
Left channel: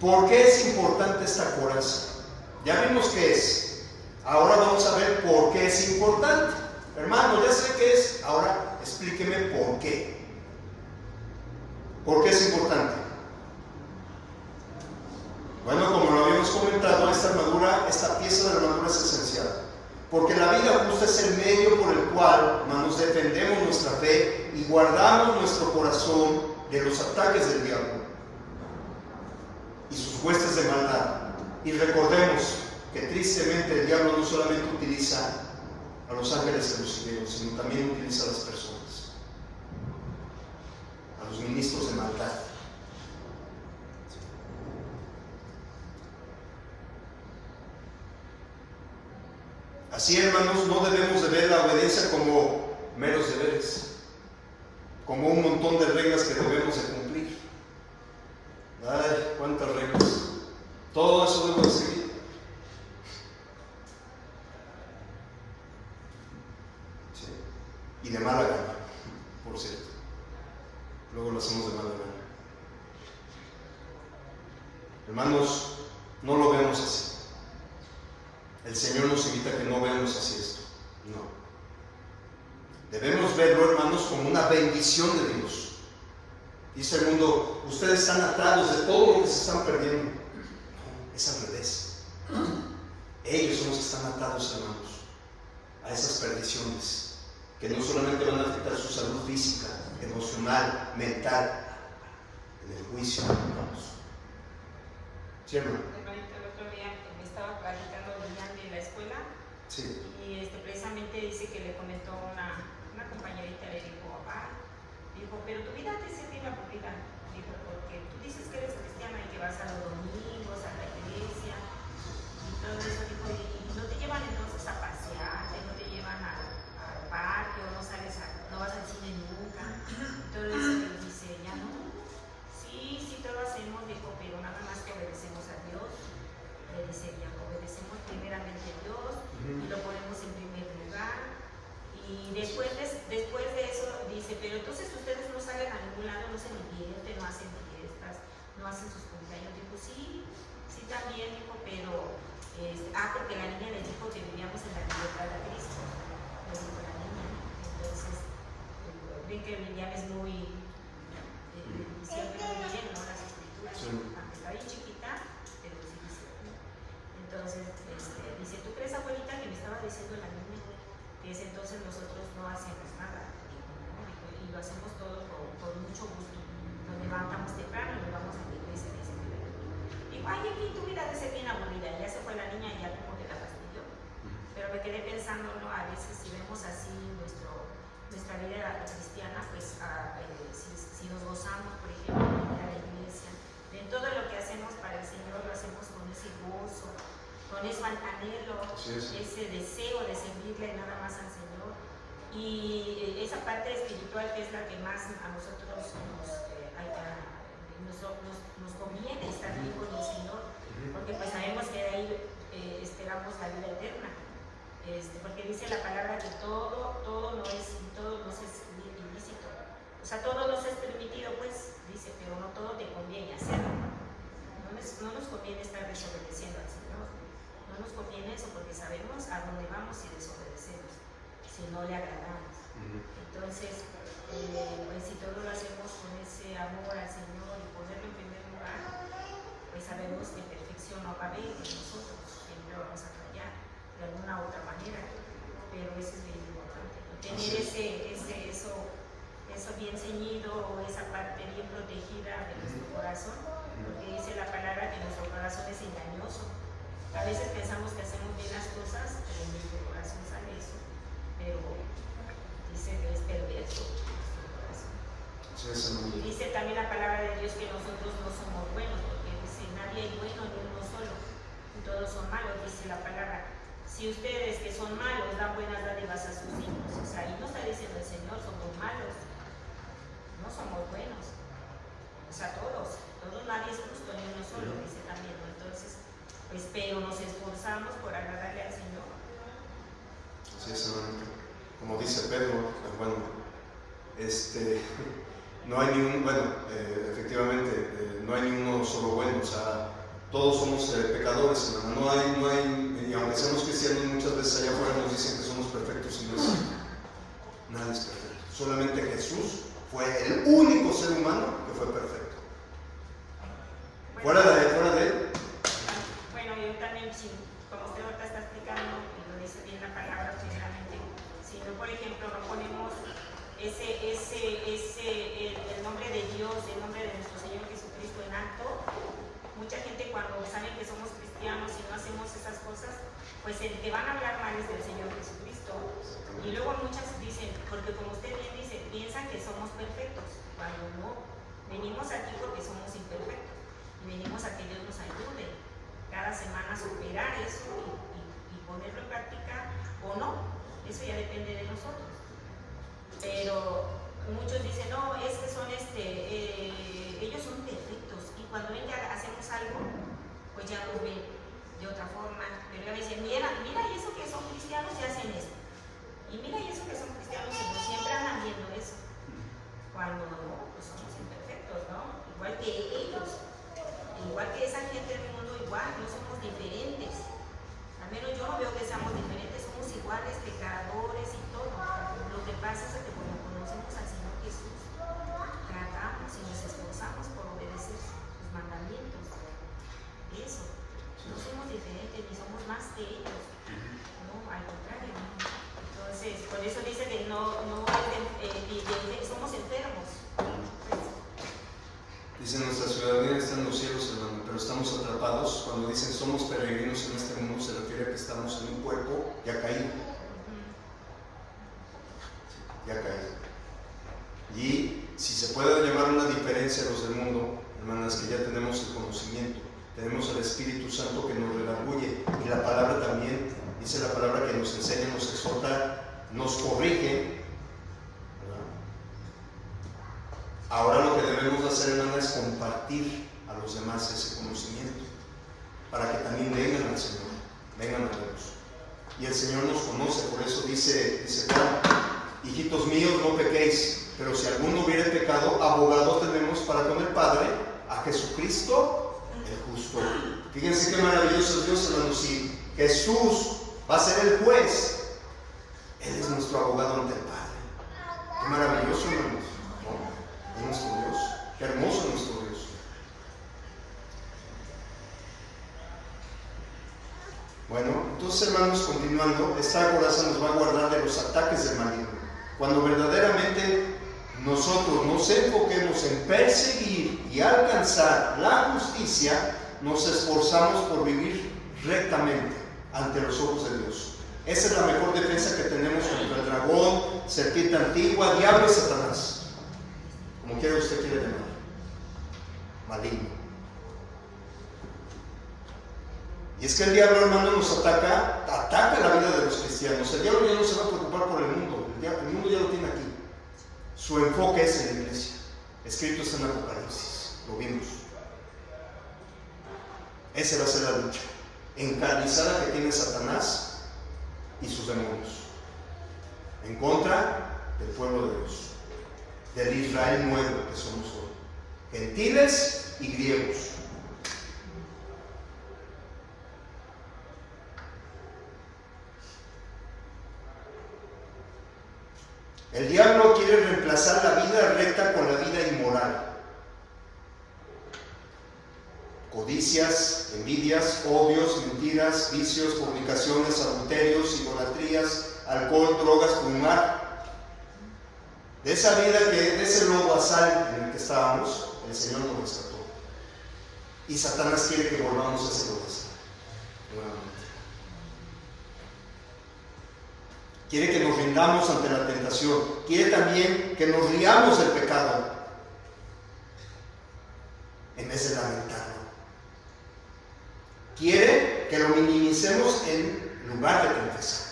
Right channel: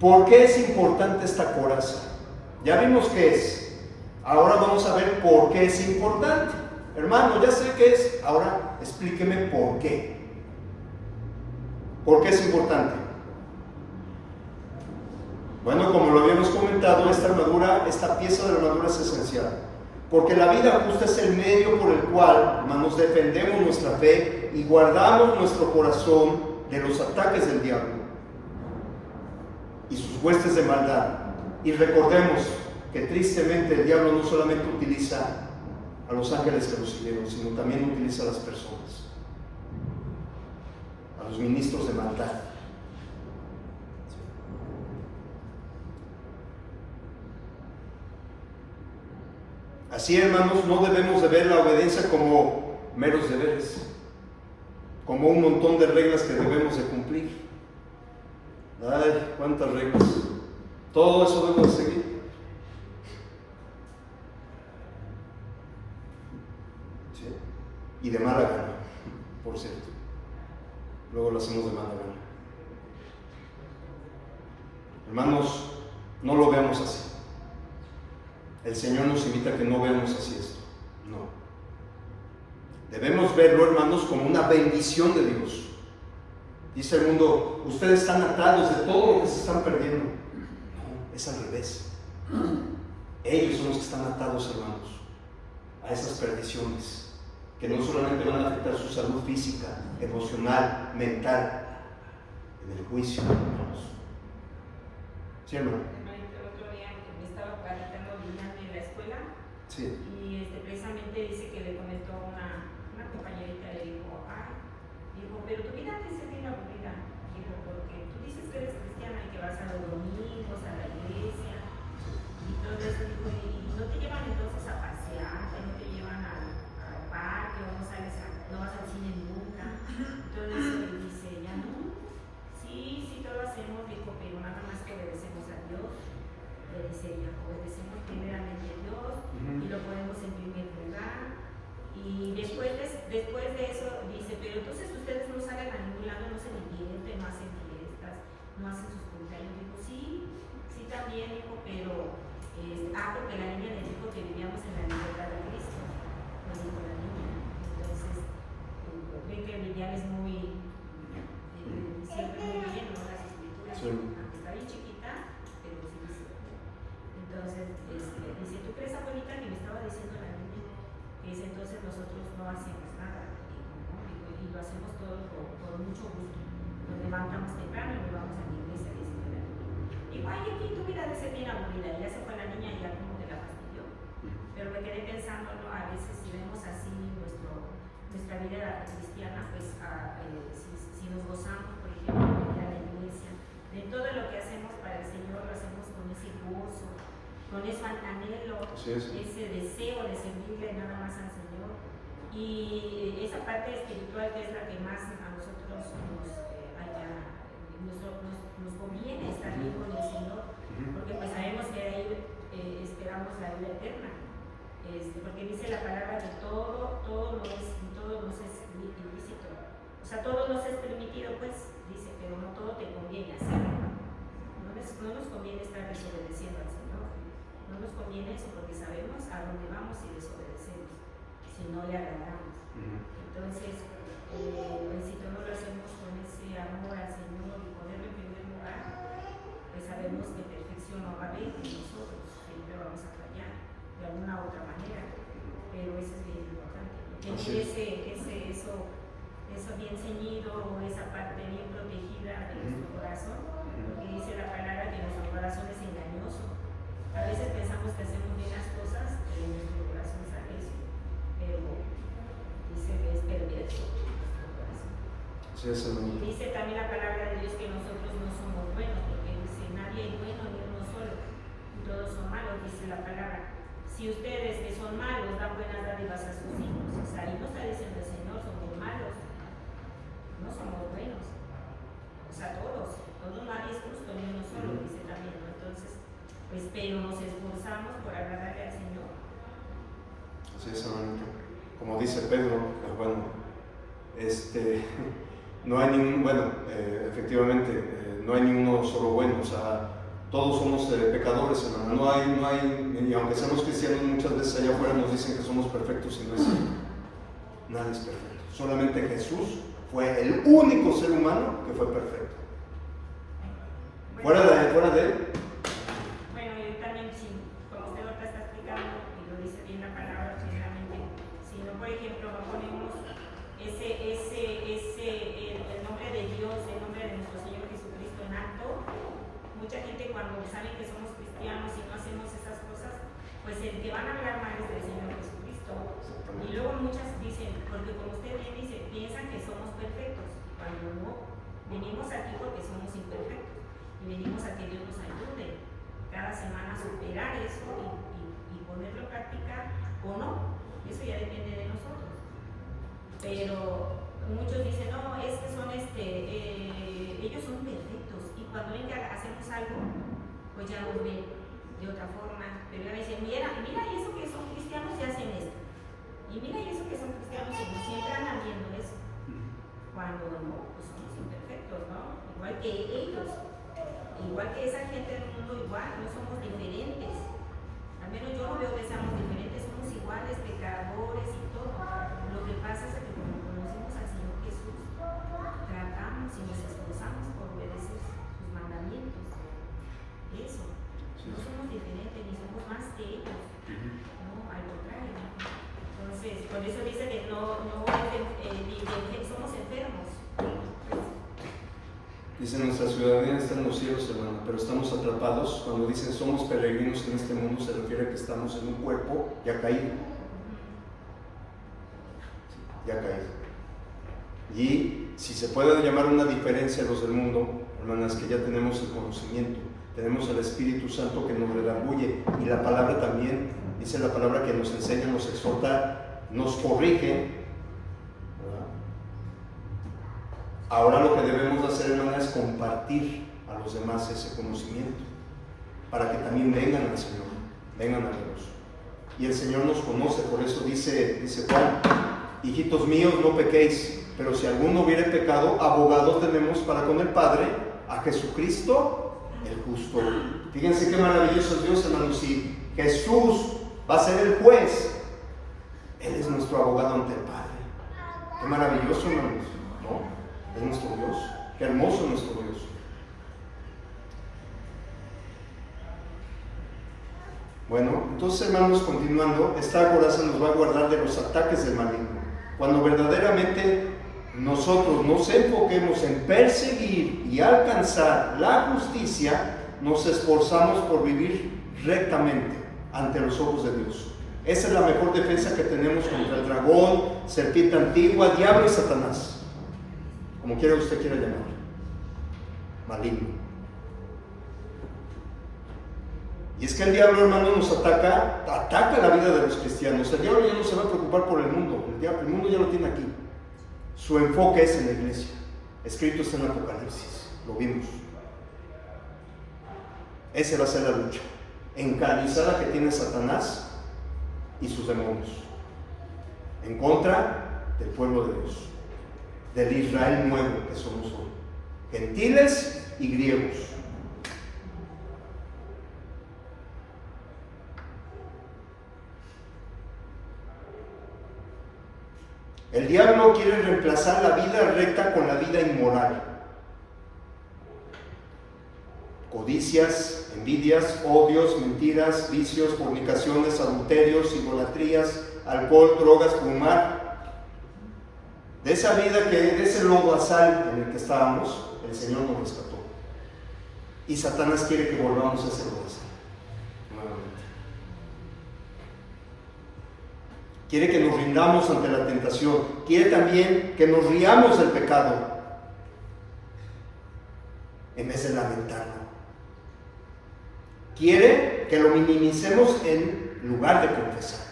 ¿Por qué es importante esta coraza? Ya vimos qué es. Ahora vamos a ver por qué es importante. Hermano, ya sé qué es. Ahora explíqueme por qué. ¿Por qué es importante? Bueno, como lo habíamos comentado, esta pieza de la armadura es esencial. Porque la vida justa es el medio por el cual, hermanos, defendemos nuestra fe y guardamos nuestro corazón de los ataques del diablo y sus huestes de maldad. Y recordemos que tristemente el diablo no solamente utiliza a los ángeles de los cielos, sino también utiliza a las personas, a los ministros de maldad. Así, hermanos, no debemos de ver la obediencia como meros deberes, como un montón de reglas que debemos de cumplir. Ay, cuántas reglas. Todo eso debo de seguir. ¿Sí? Y de mala gana, por cierto. Luego lo hacemos de mala gana. Hermanos, no lo veamos así. El Señor nos invita a que no veamos así esto. No. Debemos verlo, hermanos, como una bendición de Dios. Dice el mundo: ustedes están atados de todo lo que se están perdiendo. No, es al revés. Ellos son los que están atados, hermanos, a esas perdiciones que no solamente van a afectar su salud física, emocional, mental, en el juicio, hermanos. ¿Sí, hermano? Hermanito, el otro día me estaba platicando Lilian en la escuela Sí. y precisamente dice que le comentó una compañerita, le dijo, pero tu vida antes es bien aburrida. Dijo, porque tú dices que eres cristiana y que vas a los domingos, a la iglesia, y todo eso, dijo, y no te llevan entonces a pasear, no te llevan al parque, o no vas al cine nunca. Entonces dice ella, no, sí, todo hacemos, dijo, pero nada más que obedecemos a Dios. Le dice ella, obedecemos primeramente a Dios y lo ponemos en primer lugar. Y después de eso dice, pero entonces ustedes no salen a ningún lado, no se divierten, no hacen fiestas, no hacen sus cumpleaños. Dijo, sí también, dijo, pero porque la niña le dijo que vivíamos en la libertad de Cristo. Le dijo la niña. Entonces, ven que Lilian es muy siempre muy bien, ¿no? Las escrituras, Sí. aunque está bien chiquita, pero sí dice. Entonces, dice, ¿tú crees, abuelita, que me estaba diciendo la niña? Dice, entonces nosotros no hacemos nada, y lo hacemos todo por mucho gusto. Nos levantamos temprano y nos vamos a la iglesia. Digo, ay, aquí tu vida debe ser bien aburrida. Ya se fue la niña y ya como que la fastidió. Pero me quedé pensando, ¿no? A veces si vemos así nuestra vida cristiana, pues si nos gozamos, por ejemplo, de ir a la iglesia, de todo lo que hacemos para el Señor, lo hacemos con ese gozo, con ese anhelo, ese deseo de servirle nada más al Señor. Y esa parte espiritual que es la que más a nosotros nos conviene estar bien con el Señor, porque pues sabemos que de ahí esperamos la vida eterna. Porque dice la palabra que todo nos es ilícito. O sea, todo nos es permitido, pues, dice, pero no todo te conviene hacer. No nos conviene estar desobedeciendo al Señor. No nos conviene eso porque sabemos a dónde vamos si desobedecemos, si no le agradamos. Entonces, pues si todo lo hacemos con ese amor al Señor y ponerlo en primer lugar, pues sabemos que perfección no va a haber y nosotros siempre vamos a fallar de alguna u otra manera, pero eso es bien importante. Tener eso bien ceñido, o esa parte bien protegida de nuestro corazón, porque dice la palabra que nuestro corazón es engañoso. A veces pensamos que hacemos bien las cosas y en nuestro corazón sale eso, pero dice que es perverso nuestro corazón. Y dice también la palabra de Dios que nosotros no somos buenos, porque dice nadie es bueno ni uno solo, todos son malos, dice la palabra. Si ustedes que son malos dan buenas dádivas a sus hijos, o sea, ahí no está diciendo el Señor somos malos, no somos buenos, o sea, todos, nadie es justo ni uno solo, dice también, ¿no? Entonces, pues, pero nos esforzamos por agradarle al Señor. Así es, hermanito. Como dice Pedro, no hay efectivamente, no hay ni uno solo bueno, o sea, todos somos pecadores, hermano. No hay, y aunque seamos cristianos, muchas veces allá afuera nos dicen que somos perfectos y no es así. Nadie es perfecto. Solamente Jesús fue el único ser humano que fue perfecto. Fuera de él. Bueno, yo también, como usted ahorita está explicando, y lo dice bien la palabra, precisamente, si no, por ejemplo, no ponemos el nombre de Dios, el nombre de nuestro Señor Jesucristo en alto, mucha gente cuando saben que somos cristianos y no hacemos esas cosas, pues el que van a hablar mal es del Señor Jesucristo. Y luego muchas dicen, porque como usted bien dice, piensan que somos perfectos, cuando no, venimos aquí porque somos imperfectos. Y venimos a que Dios nos ayude cada semana a superar eso y ponerlo en práctica o no, eso ya depende de nosotros. Pero muchos dicen, no, es que son ellos son perfectos y cuando ven que hacemos algo, pues ya nos ven de otra forma. Pero ya me dicen, mira, y eso que son cristianos y hacen esto. Y mira, y eso que son cristianos y no siempre andan viendo eso. Cuando pues, somos imperfectos, ¿no? Igual que ellos. Igual que esa gente del mundo, igual, no somos diferentes. Al menos yo no veo que seamos diferentes, somos iguales, pecadores y todo. Lo que pasa es que como conocemos al Señor Jesús, tratamos y nos esforzamos por obedecer sus mandamientos. Eso, no somos diferentes ni somos más que ellos. No, al contrario. Entonces, por eso dice que no somos enfermos. Dice, nuestra ciudadanía está en los cielos, hermano, pero estamos atrapados. Cuando dicen somos peregrinos en este mundo, se refiere a que estamos en un cuerpo ya caído. Ya caído. Y si se puede llamar una diferencia a los del mundo, hermanas, que ya tenemos el conocimiento, tenemos el Espíritu Santo que nos redarguye, y la palabra también, dice la palabra que nos enseña, nos exhorta, nos corrige. Ahora lo que debemos hacer, hermanas, es compartir a los demás ese conocimiento, para que también vengan al Señor, vengan a Dios. Y el Señor nos conoce, por eso dice Juan, hijitos míos, no pequéis, pero si alguno hubiere pecado, abogado tenemos para con el Padre, a Jesucristo el justo. Fíjense qué maravilloso es Dios, hermanos. Si Jesús va a ser el juez, Él es nuestro abogado ante el Padre. Qué maravilloso, hermanos, ¿no? Es nuestro Dios, qué hermoso es nuestro Dios. Bueno, entonces, hermanos, continuando, esta coraza nos va a guardar de los ataques del maligno. Cuando verdaderamente nosotros nos enfoquemos en perseguir y alcanzar la justicia, nos esforzamos por vivir rectamente ante los ojos de Dios. Esa es la mejor defensa que tenemos contra el dragón, serpiente antigua, diablo y Satanás. Como quiera usted quiere llamar, maligno. Y es que el diablo, hermano, nos ataca la vida de los cristianos. El diablo ya no se va a preocupar por el mundo, el mundo ya lo tiene aquí. Su enfoque es en la iglesia. Escrito está en Apocalipsis, lo vimos. Esa va a ser la lucha encarnizada que tiene Satanás y sus demonios en contra del pueblo de Dios, del Israel nuevo que somos hoy, gentiles y griegos. El diablo quiere reemplazar la vida recta con la vida inmoral. Codicias, envidias, odios, mentiras, vicios, fornicaciones, adulterios, idolatrías, alcohol, drogas, fumar. De esa vida, de ese lodo asal en el que estábamos, el Señor nos rescató. Y Satanás quiere que volvamos a ese lodo asal nuevamente. Quiere que nos rindamos ante la tentación. Quiere también que nos riamos del pecado en vez de lamentarlo. Quiere que lo minimicemos en lugar de confesar.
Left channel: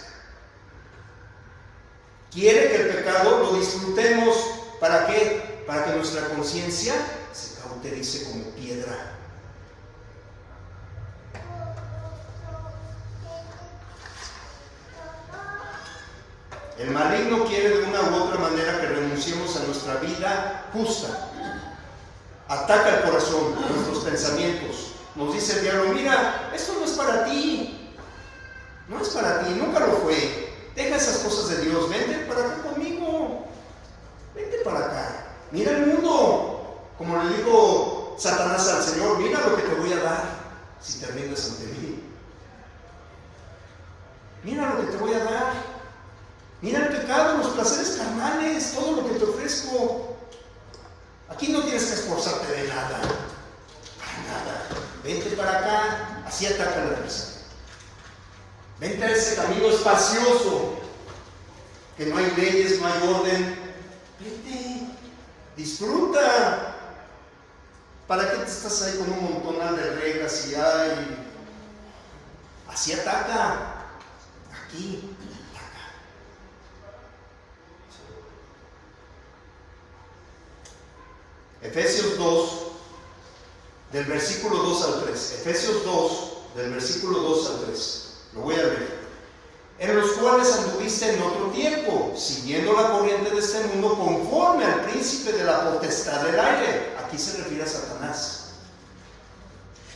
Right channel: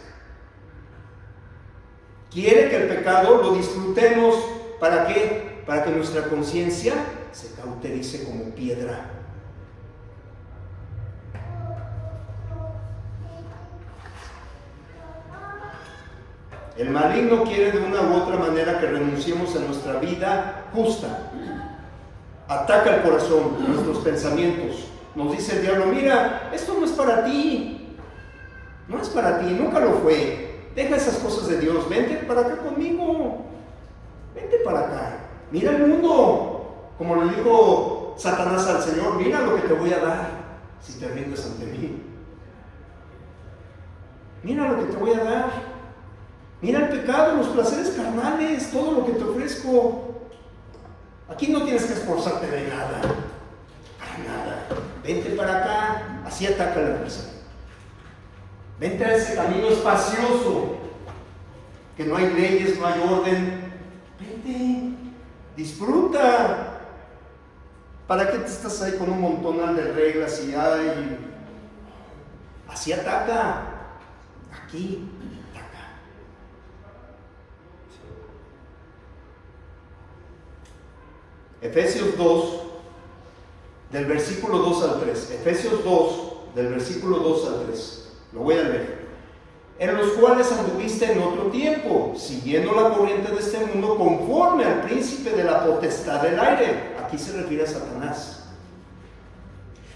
Quiere que el pecado lo disfrutemos. ¿Para qué? Para que nuestra conciencia se cauterice como piedra. El maligno quiere de una u otra manera que renunciemos a nuestra vida justa. Ataca el corazón, nuestros pensamientos. Nos dice el diablo, mira, esto no es para ti. No es para ti, nunca lo fue. Deja esas cosas de Dios, vente para acá conmigo. Vente para acá. Mira el mundo. Como le dijo Satanás al Señor, mira lo que te voy a dar si te rindes ante mí. Mira lo que te voy a dar. Mira el pecado, los placeres carnales, todo lo que te ofrezco. Aquí no tienes que esforzarte de nada. Para nada. Vente para acá, así ataca la persona. Vente a ese camino espacioso, que no hay leyes, no hay orden. Vente, disfruta. ¿Para qué te estás ahí con un montonal de reglas y hay? Así ataca. Aquí. Efesios 2, del versículo 2 al 3. Efesios 2, del versículo 2 al 3. Lo voy a leer. En los cuales anduviste en otro tiempo, siguiendo la corriente de este mundo, conforme al príncipe de la potestad del aire. Aquí se refiere a Satanás.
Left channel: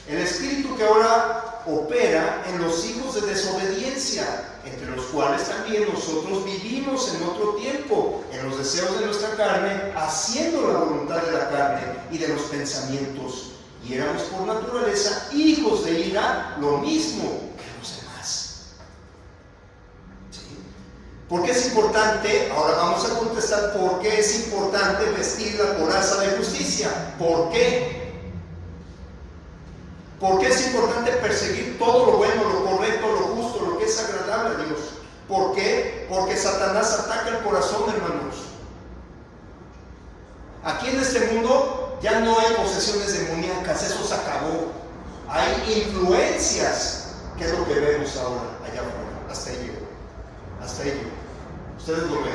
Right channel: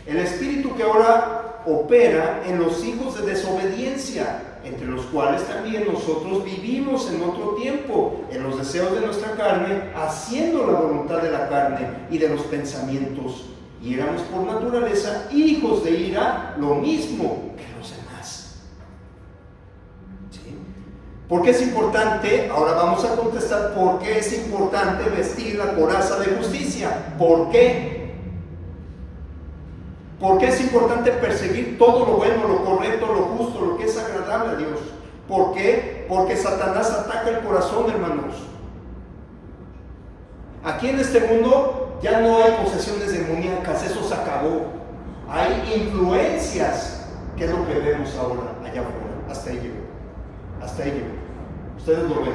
El espíritu que ahora opera en los hijos de desobediencia, entre los cuales también nosotros vivimos en otro tiempo, en los deseos de nuestra carne, haciendo la voluntad de la carne y de los pensamientos, y éramos por naturaleza hijos de ira, lo mismo que los demás. ¿Sí? ¿Por qué es importante? Ahora vamos a contestar por qué es importante vestir la coraza de justicia. ¿Por qué? ¿Por qué es importante perseguir todo lo bueno, lo correcto, lo justo, lo que es agradable a Dios? ¿Por qué? Porque Satanás ataca el corazón, hermanos. Aquí en este mundo ya no hay posesiones demoníacas, eso se acabó. Hay influencias, que es lo que vemos ahora, allá afuera. Hasta ahí llegó. Hasta ahí llegó. Ustedes lo ven.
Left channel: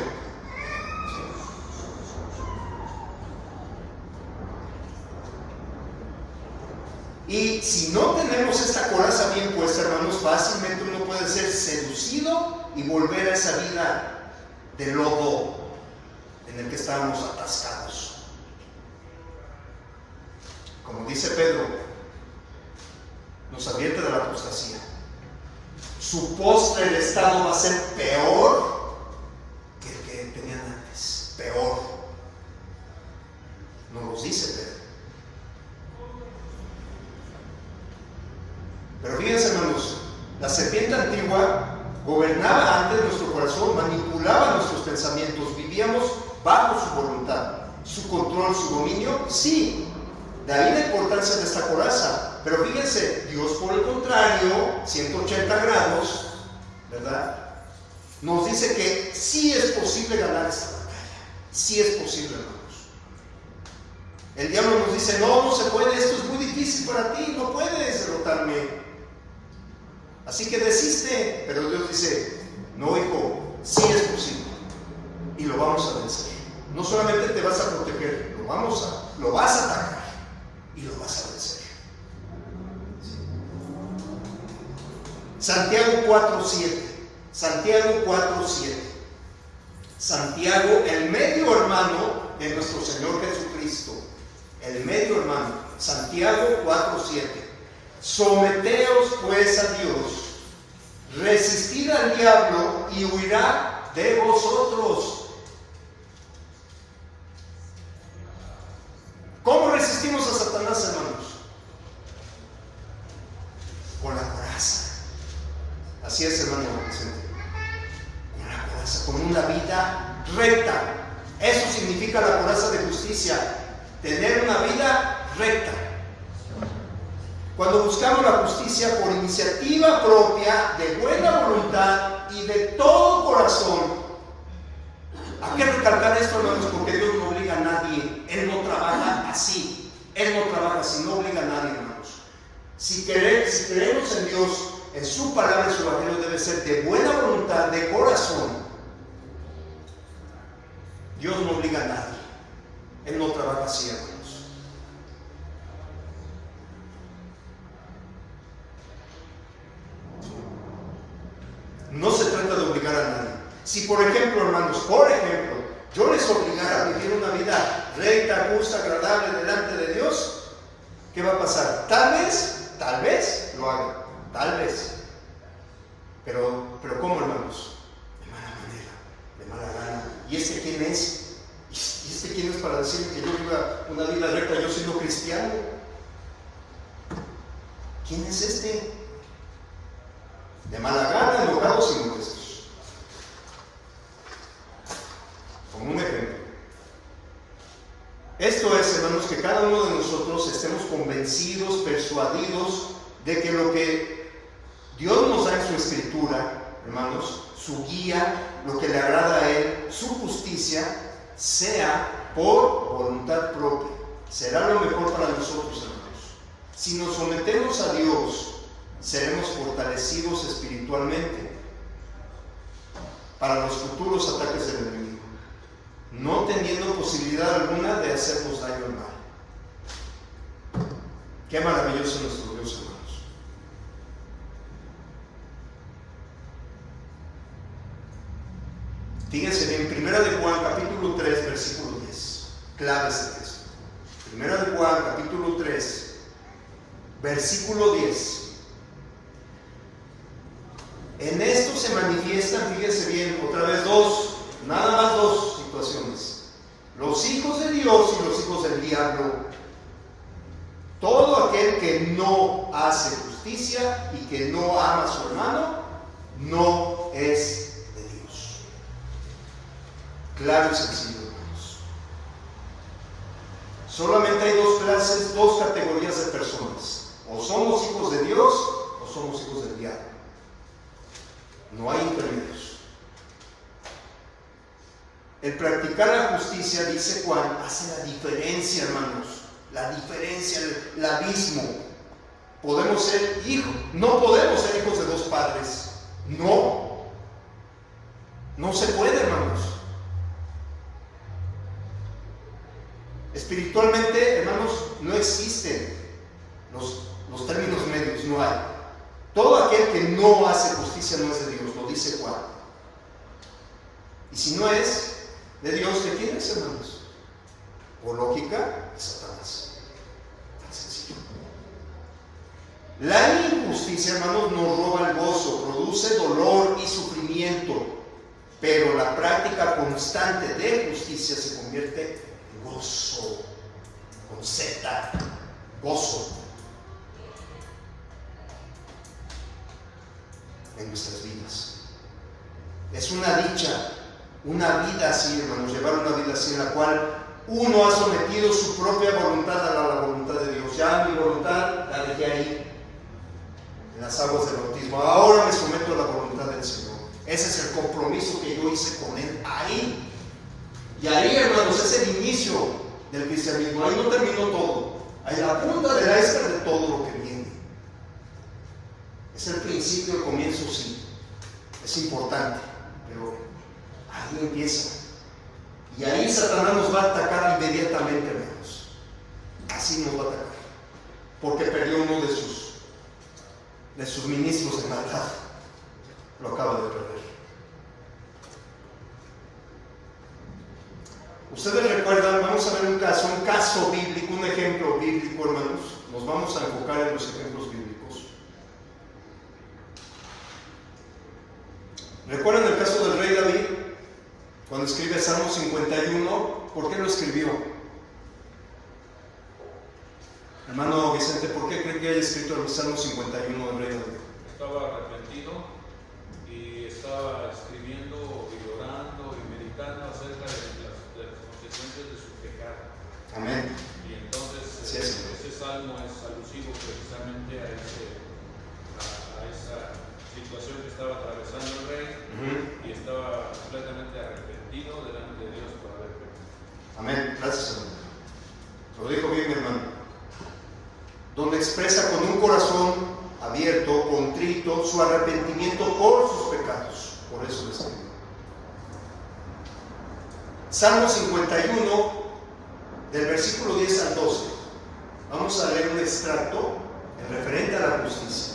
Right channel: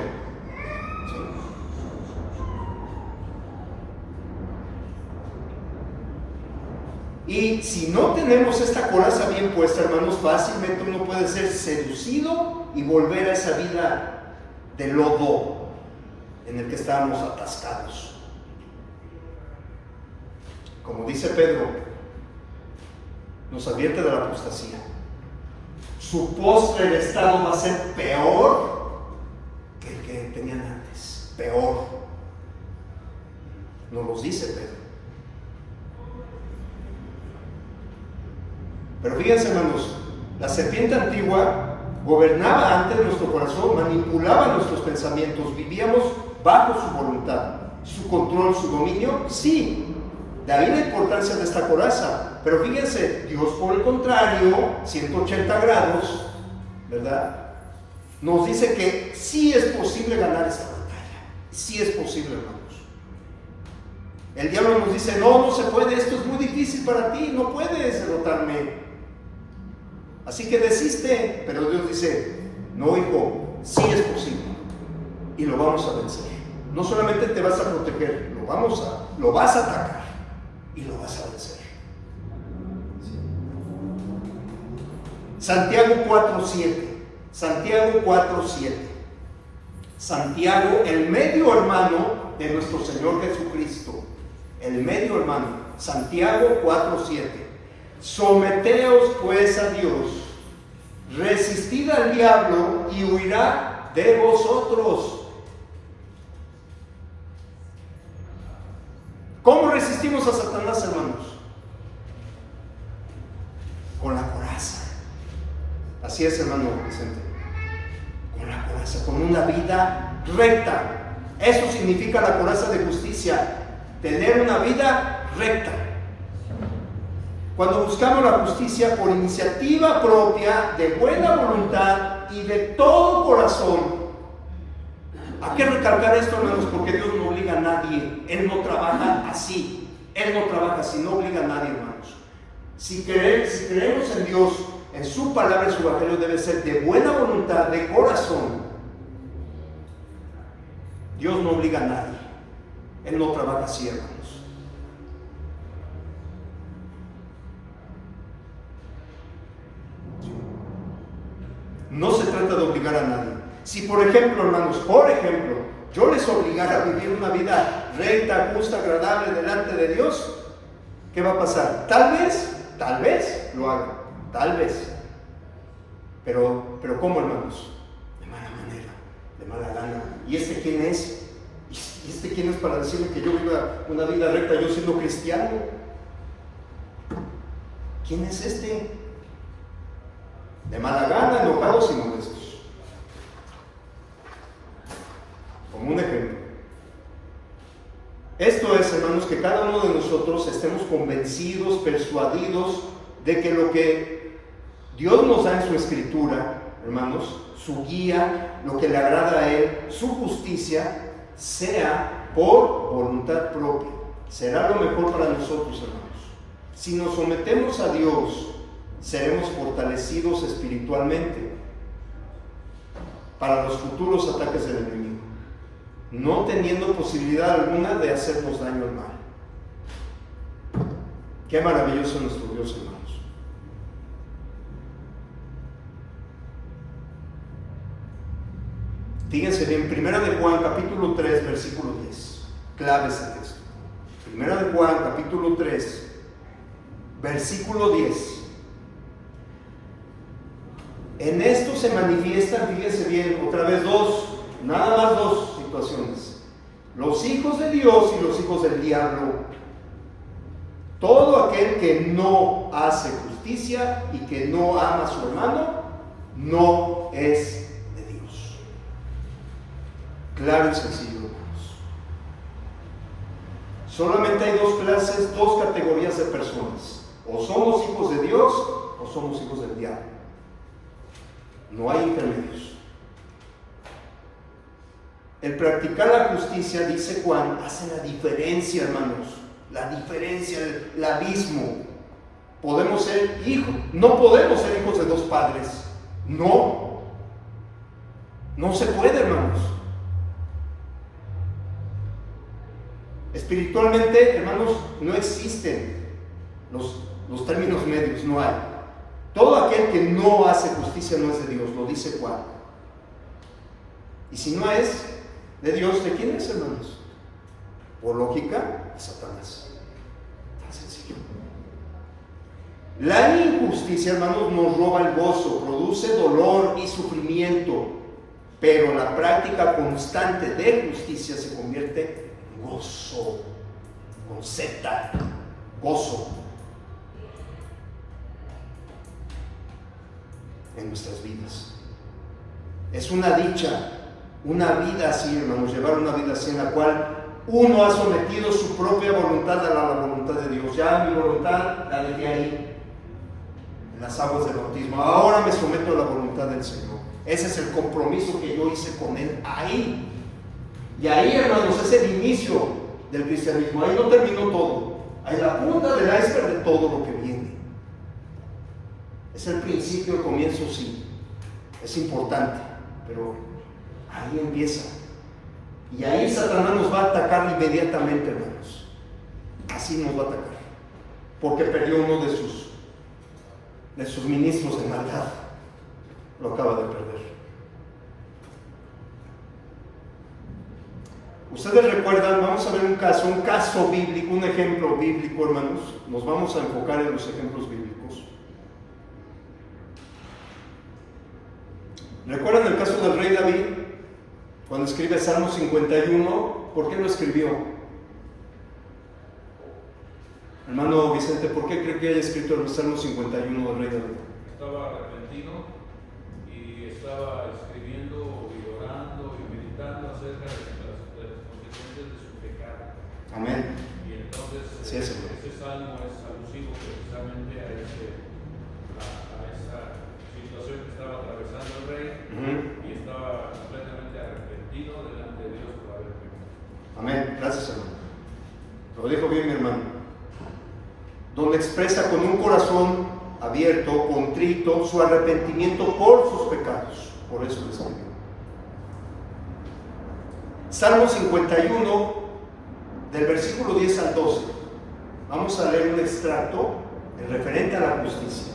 ¿Sí? Y si no tenemos esta coraza bien puesta, hermanos, fácilmente uno puede ser seducido y volver a esa vida de lodo en el que estábamos atascados. Como dice Pedro, nos advierte de la apostasía. Su postre estado va a ser peor que el que tenían antes. Peor. Nos lo dice Pedro. Pero fíjense, hermanos, la serpiente antigua gobernaba antes nuestro corazón, manipulaba nuestros pensamientos, vivíamos bajo su voluntad, su control, su dominio. Sí, de ahí la importancia de esta coraza. Pero fíjense, Dios por el contrario, 180 grados, ¿verdad? Nos dice que sí es posible ganar esta batalla. Sí es posible, hermanos. El diablo nos dice, no se puede, esto es muy difícil para ti, no puedes derrotarme. Así que desiste. Pero Dios dice, no, hijo, sí es posible. Y lo vamos a vencer. No solamente te vas a proteger, lo vas a atacar y lo vas a vencer. Santiago 4:7. Santiago 4:7. Santiago, el medio hermano de nuestro Señor Jesucristo. El medio hermano. Santiago 4:7. Someteos pues a Dios. Resistid al diablo y huirá de vosotros. ¿Cómo resistimos a Satanás, hermanos? Con la coraza. Así es, hermano Vicente. Con la coraza, con una vida recta. Eso significa la coraza de justicia. Tener una vida recta. Cuando buscamos la justicia por iniciativa propia, de buena voluntad y de todo corazón. Hay que recalcar esto, hermanos, porque Dios no obliga a nadie. Él no trabaja así. Él no trabaja así, no obliga a nadie, hermanos. Si creemos en Dios, en su palabra, en su evangelio, debe ser de buena voluntad, de corazón. Dios no obliga a nadie. Él no trabaja así, hermanos. No se trata de obligar a nadie. Si por ejemplo, hermanos, yo les obligara a vivir una vida recta, justa, agradable delante de Dios, ¿qué va a pasar? Tal vez lo haga, tal vez. Pero ¿cómo, hermanos? De mala manera, de mala gana. ¿Y este quién es? ¿Y este quién es para decirme que yo viva una vida recta yo siendo cristiano? ¿Quién es este? De mala gana, enojados y molestos. Como un ejemplo. Esto es, hermanos, que cada uno de nosotros estemos convencidos, persuadidos de que lo que Dios nos da en su escritura, hermanos, su guía, lo que le agrada a Él, su justicia, sea por voluntad propia. Será lo mejor para nosotros, hermanos. Si nos sometemos a Dios, seremos fortalecidos espiritualmente para los futuros ataques del enemigo, no teniendo posibilidad alguna de hacernos daño al mal. Qué maravilloso nuestro Dios, hermanos. Fíjense bien, 1 de Juan capítulo 3 versículo 10, clave ese texto. 1 de Juan capítulo 3 versículo 10. En esto se manifiestan, fíjense bien, otra vez nada más dos situaciones: los hijos de Dios y los hijos del diablo. Todo aquel que no hace justicia y que no ama a su hermano no es de Dios. Claro y sencillo, hermanos. Solamente hay dos clases, dos categorías de personas. O somos hijos de Dios o somos hijos del diablo. No hay intermedios. El practicar la justicia, dice Juan, hace la diferencia, hermanos. La diferencia, el abismo. Podemos ser hijos, no podemos ser hijos de dos padres. No. No se puede, hermanos. Espiritualmente, hermanos, no existen los términos medios, no hay. Todo aquel que no hace justicia no es de Dios, lo dice Juan. Y si no es de Dios, ¿de quién es, hermanos? Por lógica, de Satanás. Tan sencillo. La injusticia, hermanos, nos roba el gozo, produce dolor y sufrimiento, pero la práctica constante de justicia se convierte en gozo, con Z, gozo, en nuestras vidas. Es una dicha, una vida así, hermanos, llevar una vida así en la cual uno ha sometido su propia voluntad a la voluntad de Dios. Ya mi voluntad la dejé ahí, en las aguas del bautismo. Ahora me someto a la voluntad del Señor. Ese es el compromiso que yo hice con Él ahí. Y ahí, hermanos, es el inicio del cristianismo. Ahí no terminó todo. Ahí la punta del iceberg de todo lo que viene. Es el principio, el comienzo, sí. Es importante, pero ahí empieza. Y ahí Satanás nos va a atacar inmediatamente, hermanos. Así nos va a atacar. Porque perdió uno de sus ministros de maldad. Lo acaba de perder. Ustedes recuerdan, vamos a ver un caso bíblico, un ejemplo bíblico, hermanos. Nos vamos a enfocar en los ejemplos bíblicos. ¿Recuerdan el caso del rey David? Cuando escribe Salmo 51, ¿por qué lo escribió? Hermano Vicente, ¿por qué cree que haya escrito el Salmo 51 del rey David? Estaba arrepentido y estaba escribiendo y orando y meditando acerca de las consecuencias de su pecado. Amén. Y entonces Sí, ese salmo es alusivo precisamente a esa situación que estaba atravesando el rey. Y estaba completamente arrepentido delante de Dios por haber pecado. Amén. Gracias, hermano. Lo dijo bien, hermano. Donde expresa con un corazón abierto, contrito, su arrepentimiento por sus pecados. Por eso lo escribió. Salmo 51, del versículo 10 al 12. Vamos a leer un extracto en referente a la justicia.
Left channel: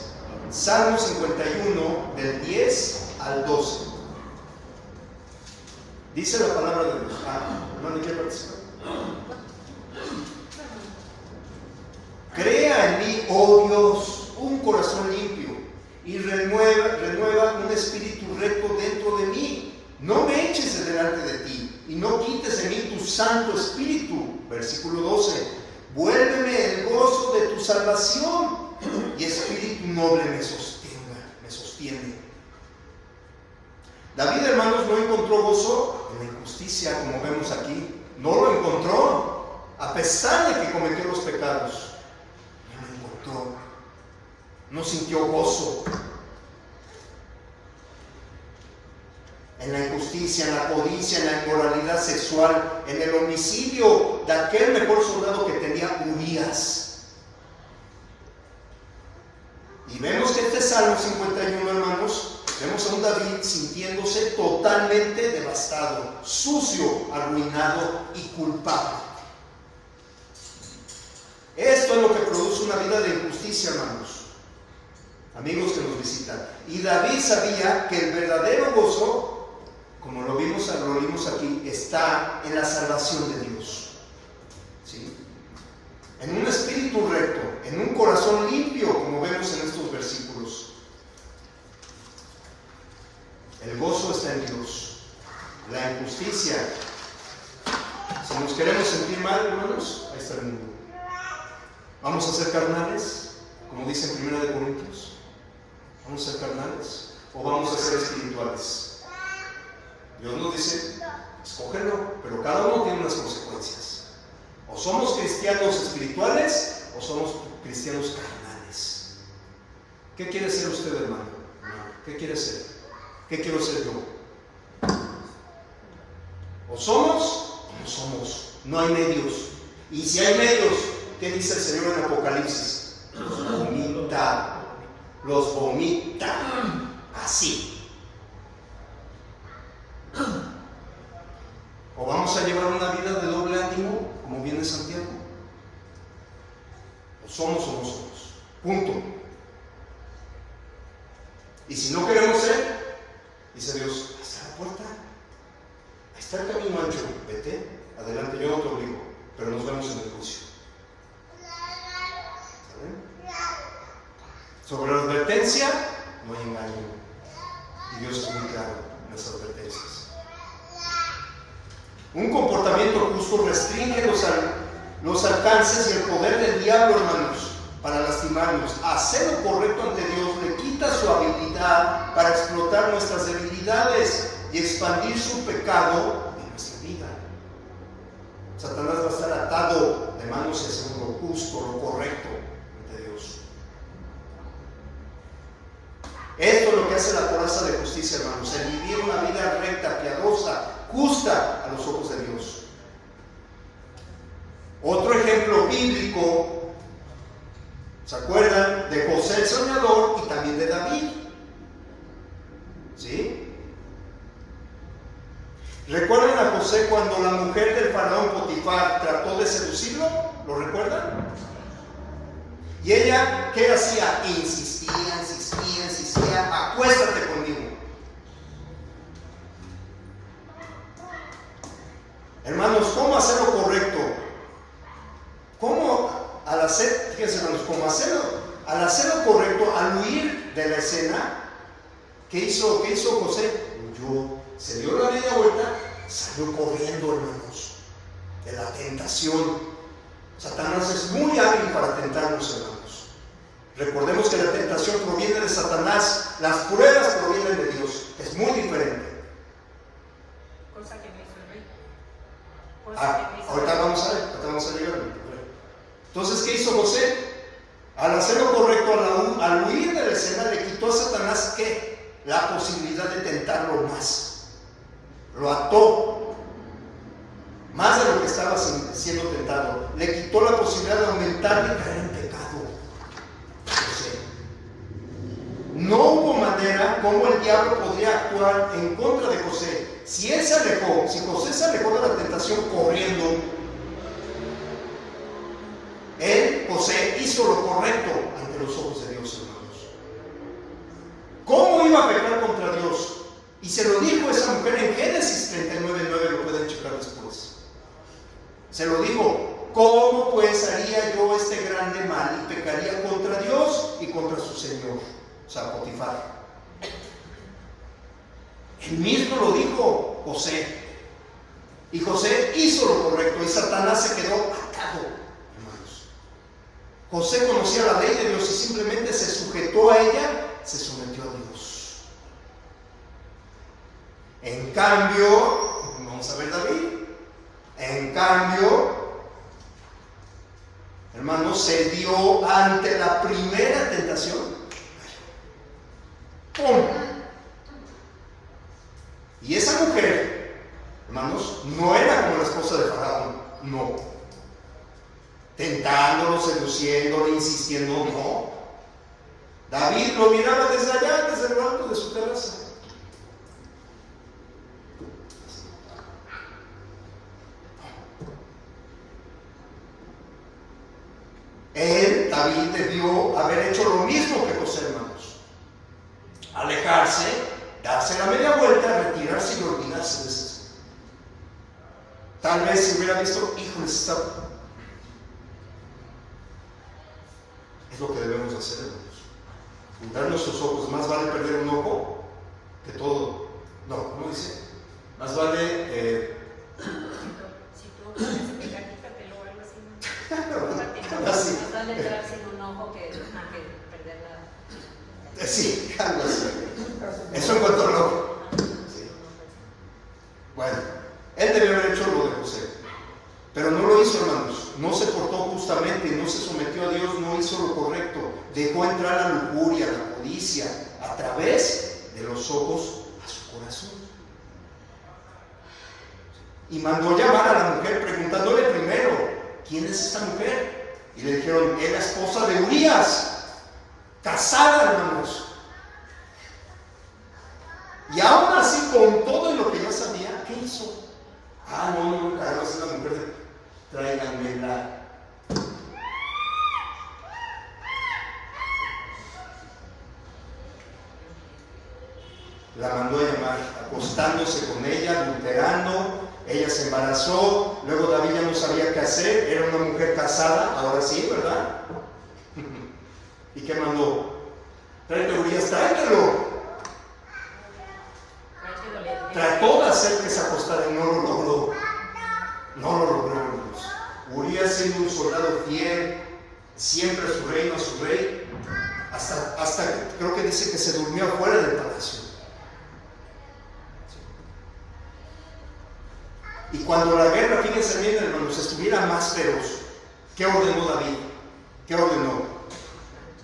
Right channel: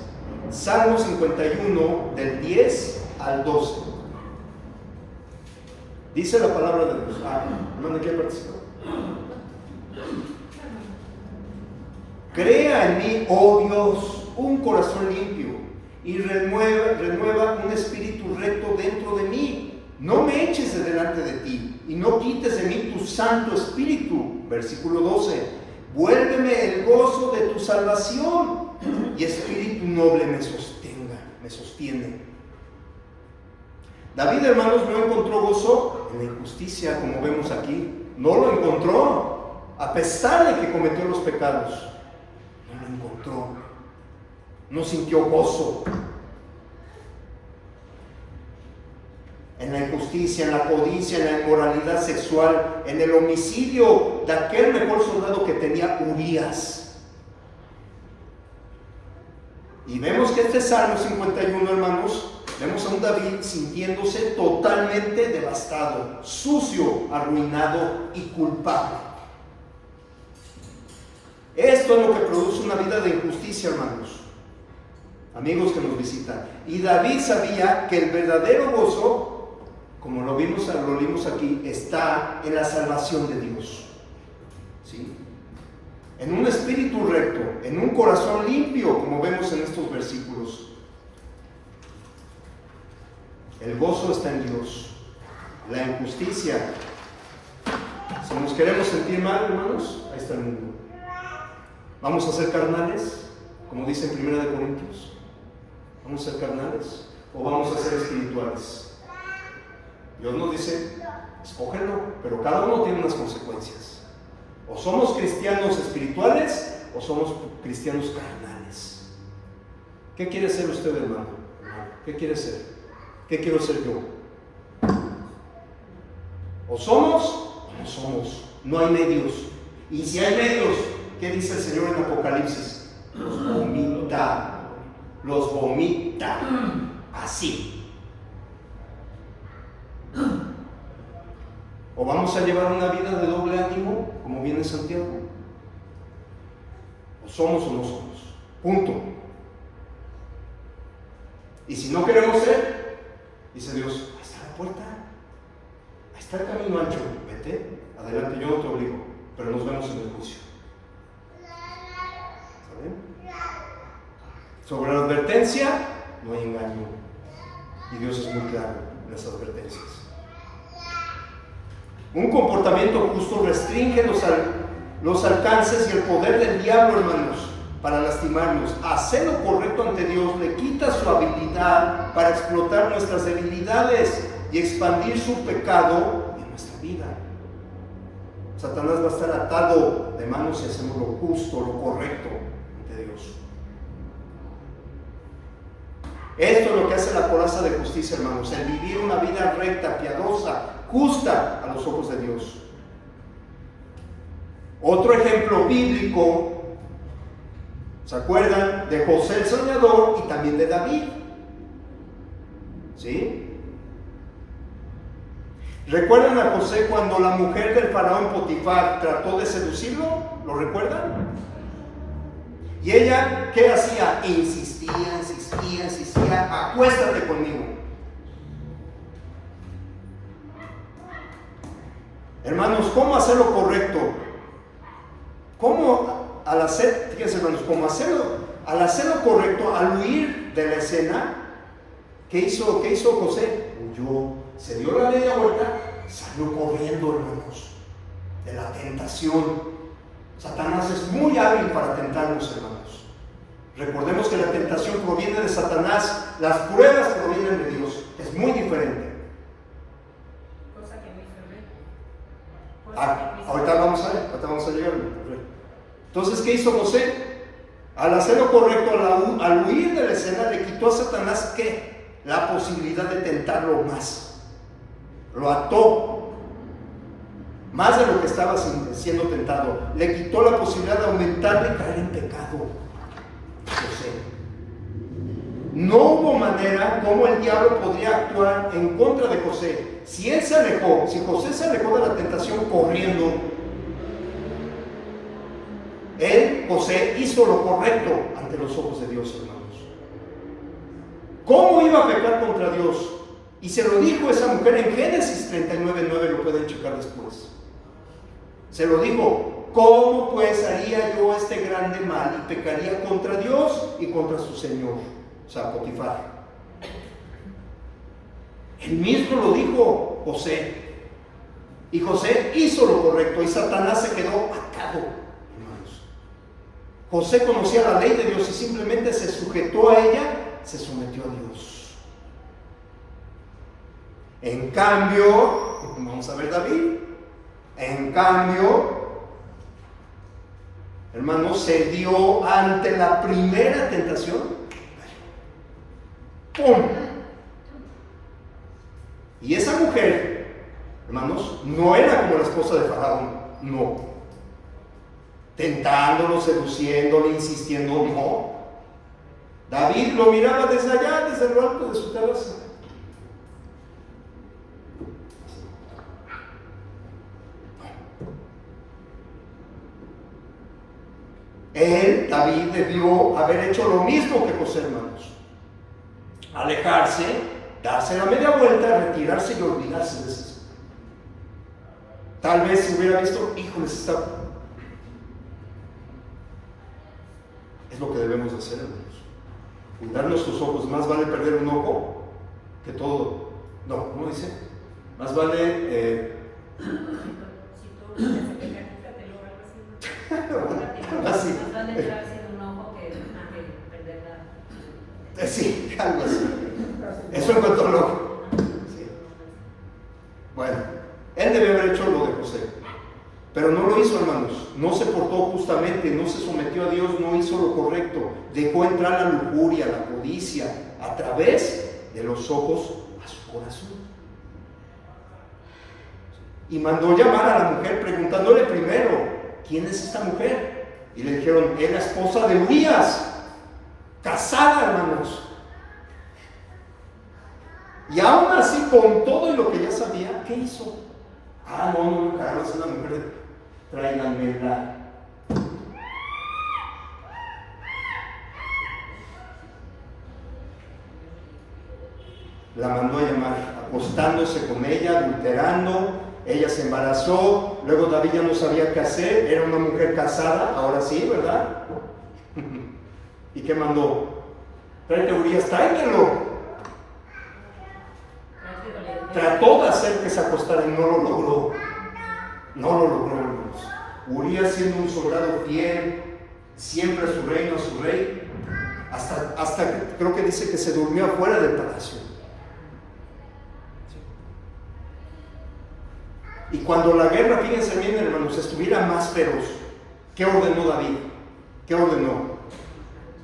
Salmo 51, del 10 al 12. Dice la palabra de Dios. Hermano, ¿quiere participar? Crea en mí, oh Dios, un corazón limpio y renueva un espíritu recto dentro de mí. No me eches de delante de ti y no quites de mí tu santo espíritu. Versículo 12. Vuélveme el gozo de tu salvación y espíritu noble me sostiene. David, hermanos, no encontró gozo en la injusticia, como vemos aquí. No lo encontró, a pesar de que cometió los pecados. No lo encontró. No sintió gozo en la injusticia, en la codicia, en la inmoralidad sexual, en el homicidio de aquel mejor soldado que tenía, Urías. Y vemos que este Salmo 51, hermanos, vemos a un David sintiéndose totalmente devastado, sucio, arruinado y culpable. Esto es lo que produce una vida de injusticia, hermanos, amigos que nos visitan. Y David sabía que el verdadero gozo, como lo vimos aquí, está en la salvación de Dios. ¿Sí? En un espíritu recto, en un corazón limpio, como vemos en estos versículos. El gozo está en Dios. La injusticia, si nos queremos sentir mal, hermanos, ahí está el mundo. ¿Vamos a ser carnales? Como dice en 1 Corintios. ¿Vamos a ser carnales? ¿O vamos a ser espirituales? Dios nos dice escógelo, pero cada uno tiene unas consecuencias. O somos cristianos espirituales o somos cristianos carnales. ¿Qué quiere ser usted, hermano? ¿Qué quiere ser? ¿Qué quiero ser yo? O somos o no somos. No hay medios. Y si hay medios, ¿qué dice el Señor en Apocalipsis? Los vomita. Los vomita. Así. ¿O vamos a llevar una vida de doble ánimo, como viene Santiago? ¿O somos o no somos? Punto. Y si no queremos ser, dice Dios, ahí está la puerta, ahí está el camino ancho, vete, adelante, yo no te obligo, pero nos vemos en el juicio. ¿Saben? Sobre la advertencia, no hay engaño. Y Dios es muy claro en las advertencias. Un comportamiento justo restringe los alcances y el poder del diablo, hermanos, para lastimarnos. Hacer lo correcto ante Dios le quita su habilidad para explotar nuestras debilidades y expandir su pecado en nuestra vida. Satanás va a estar atado de manos si hacemos lo justo, lo correcto ante Dios. Esto es lo que hace la coraza de justicia, hermanos, el vivir una vida recta, piadosa, justa a los ojos de Dios. Otro ejemplo bíblico, ¿se acuerdan? De José el soñador y también de David. ¿Sí? ¿Recuerdan a José cuando la mujer del faraón Potifar trató de seducirlo? ¿Lo recuerdan? Y ella, ¿qué hacía? Insistía, acuéstate conmigo. Hermanos, ¿cómo hacer lo correcto? ¿Cómo al hacer, fíjense hermanos, al hacer lo correcto, al huir de la escena, ¿qué hizo José? Huyó, se dio la media vuelta, salió corriendo, hermanos, de la tentación. Satanás es muy hábil para tentarnos, hermanos. Recordemos que la tentación proviene de Satanás, las pruebas provienen de Dios, es muy diferente. Cosa que no hizo el rey. Ahorita vamos a llegar. Entonces, ¿qué hizo José? Al hacer lo correcto, al huir de la escena, le quitó a Satanás, ¿qué? La posibilidad de tentarlo más. Lo ató más de lo que estaba siendo tentado. Le quitó la posibilidad de aumentar y caer en pecado. José. No hubo manera como el diablo podría actuar en contra de José. Si José se alejó de la tentación corriendo, José hizo lo correcto ante los ojos de Dios, hermanos. ¿Cómo iba a pecar contra Dios? Y se lo dijo esa mujer en Génesis 39:9, lo pueden checar después. Se lo dijo: ¿cómo pues haría yo este grande mal y pecaría contra Dios y contra su Señor? O sea, Potifar. Él mismo lo dijo José. Y José hizo lo correcto y Satanás se quedó atado, hermanos. José conocía la ley de Dios y simplemente se sujetó a ella, se sometió a Dios. En cambio, vamos a ver David. En cambio, hermanos, se dio ante la primera tentación. ¡Pum! Y esa mujer, hermanos, no era como la esposa de Faraón, no. Tentándolo, seduciéndolo, insistiendo, no. David lo miraba desde allá, desde lo alto de su terraza. David debió haber hecho lo mismo que José, hermanos. Alejarse, darse la media vuelta, retirarse y olvidarse de eso. Tal vez si hubiera visto, híjole, es lo que debemos hacer, hermanos. Juntar nuestros ojos, más vale perder un ojo que todo. No, ¿cómo dice? Más vale Si tú quítatelo o algo así. así. Es vale entrarse en un ojo que perder la... Sí, algo así. Eso en cuanto al ojo. Sí. Bueno, lo hizo, hermanos. No se portó justamente, no se sometió a Dios, no hizo lo correcto. Dejó entrar la lujuria, la codicia, a través de los ojos a su corazón. Y mandó llamar a la mujer preguntándole primero, ¿quién es esta mujer? Y le dijeron, es la esposa de Urías, casada, hermanos. Y aún así, con todo y lo que ya sabía, ¿qué hizo? No, Carlos, es la mujer, tráiganmela. La mandó a llamar, acostándose con ella, adulterando. Ella se embarazó, luego David ya no sabía qué hacer, era una mujer casada, ahora sí, ¿verdad? ¿Y qué mandó? Tráete a Urías, tráetelo. Trató de hacer que se acostara y no lo logró. No lo logró, hermanos. Urías, siendo un soldado fiel, siempre a su reino, a su rey, hasta que creo que dice que se durmió afuera del palacio. Y cuando la guerra, fíjense bien, hermanos, estuviera más feroz, ¿qué ordenó David? ¿Qué ordenó?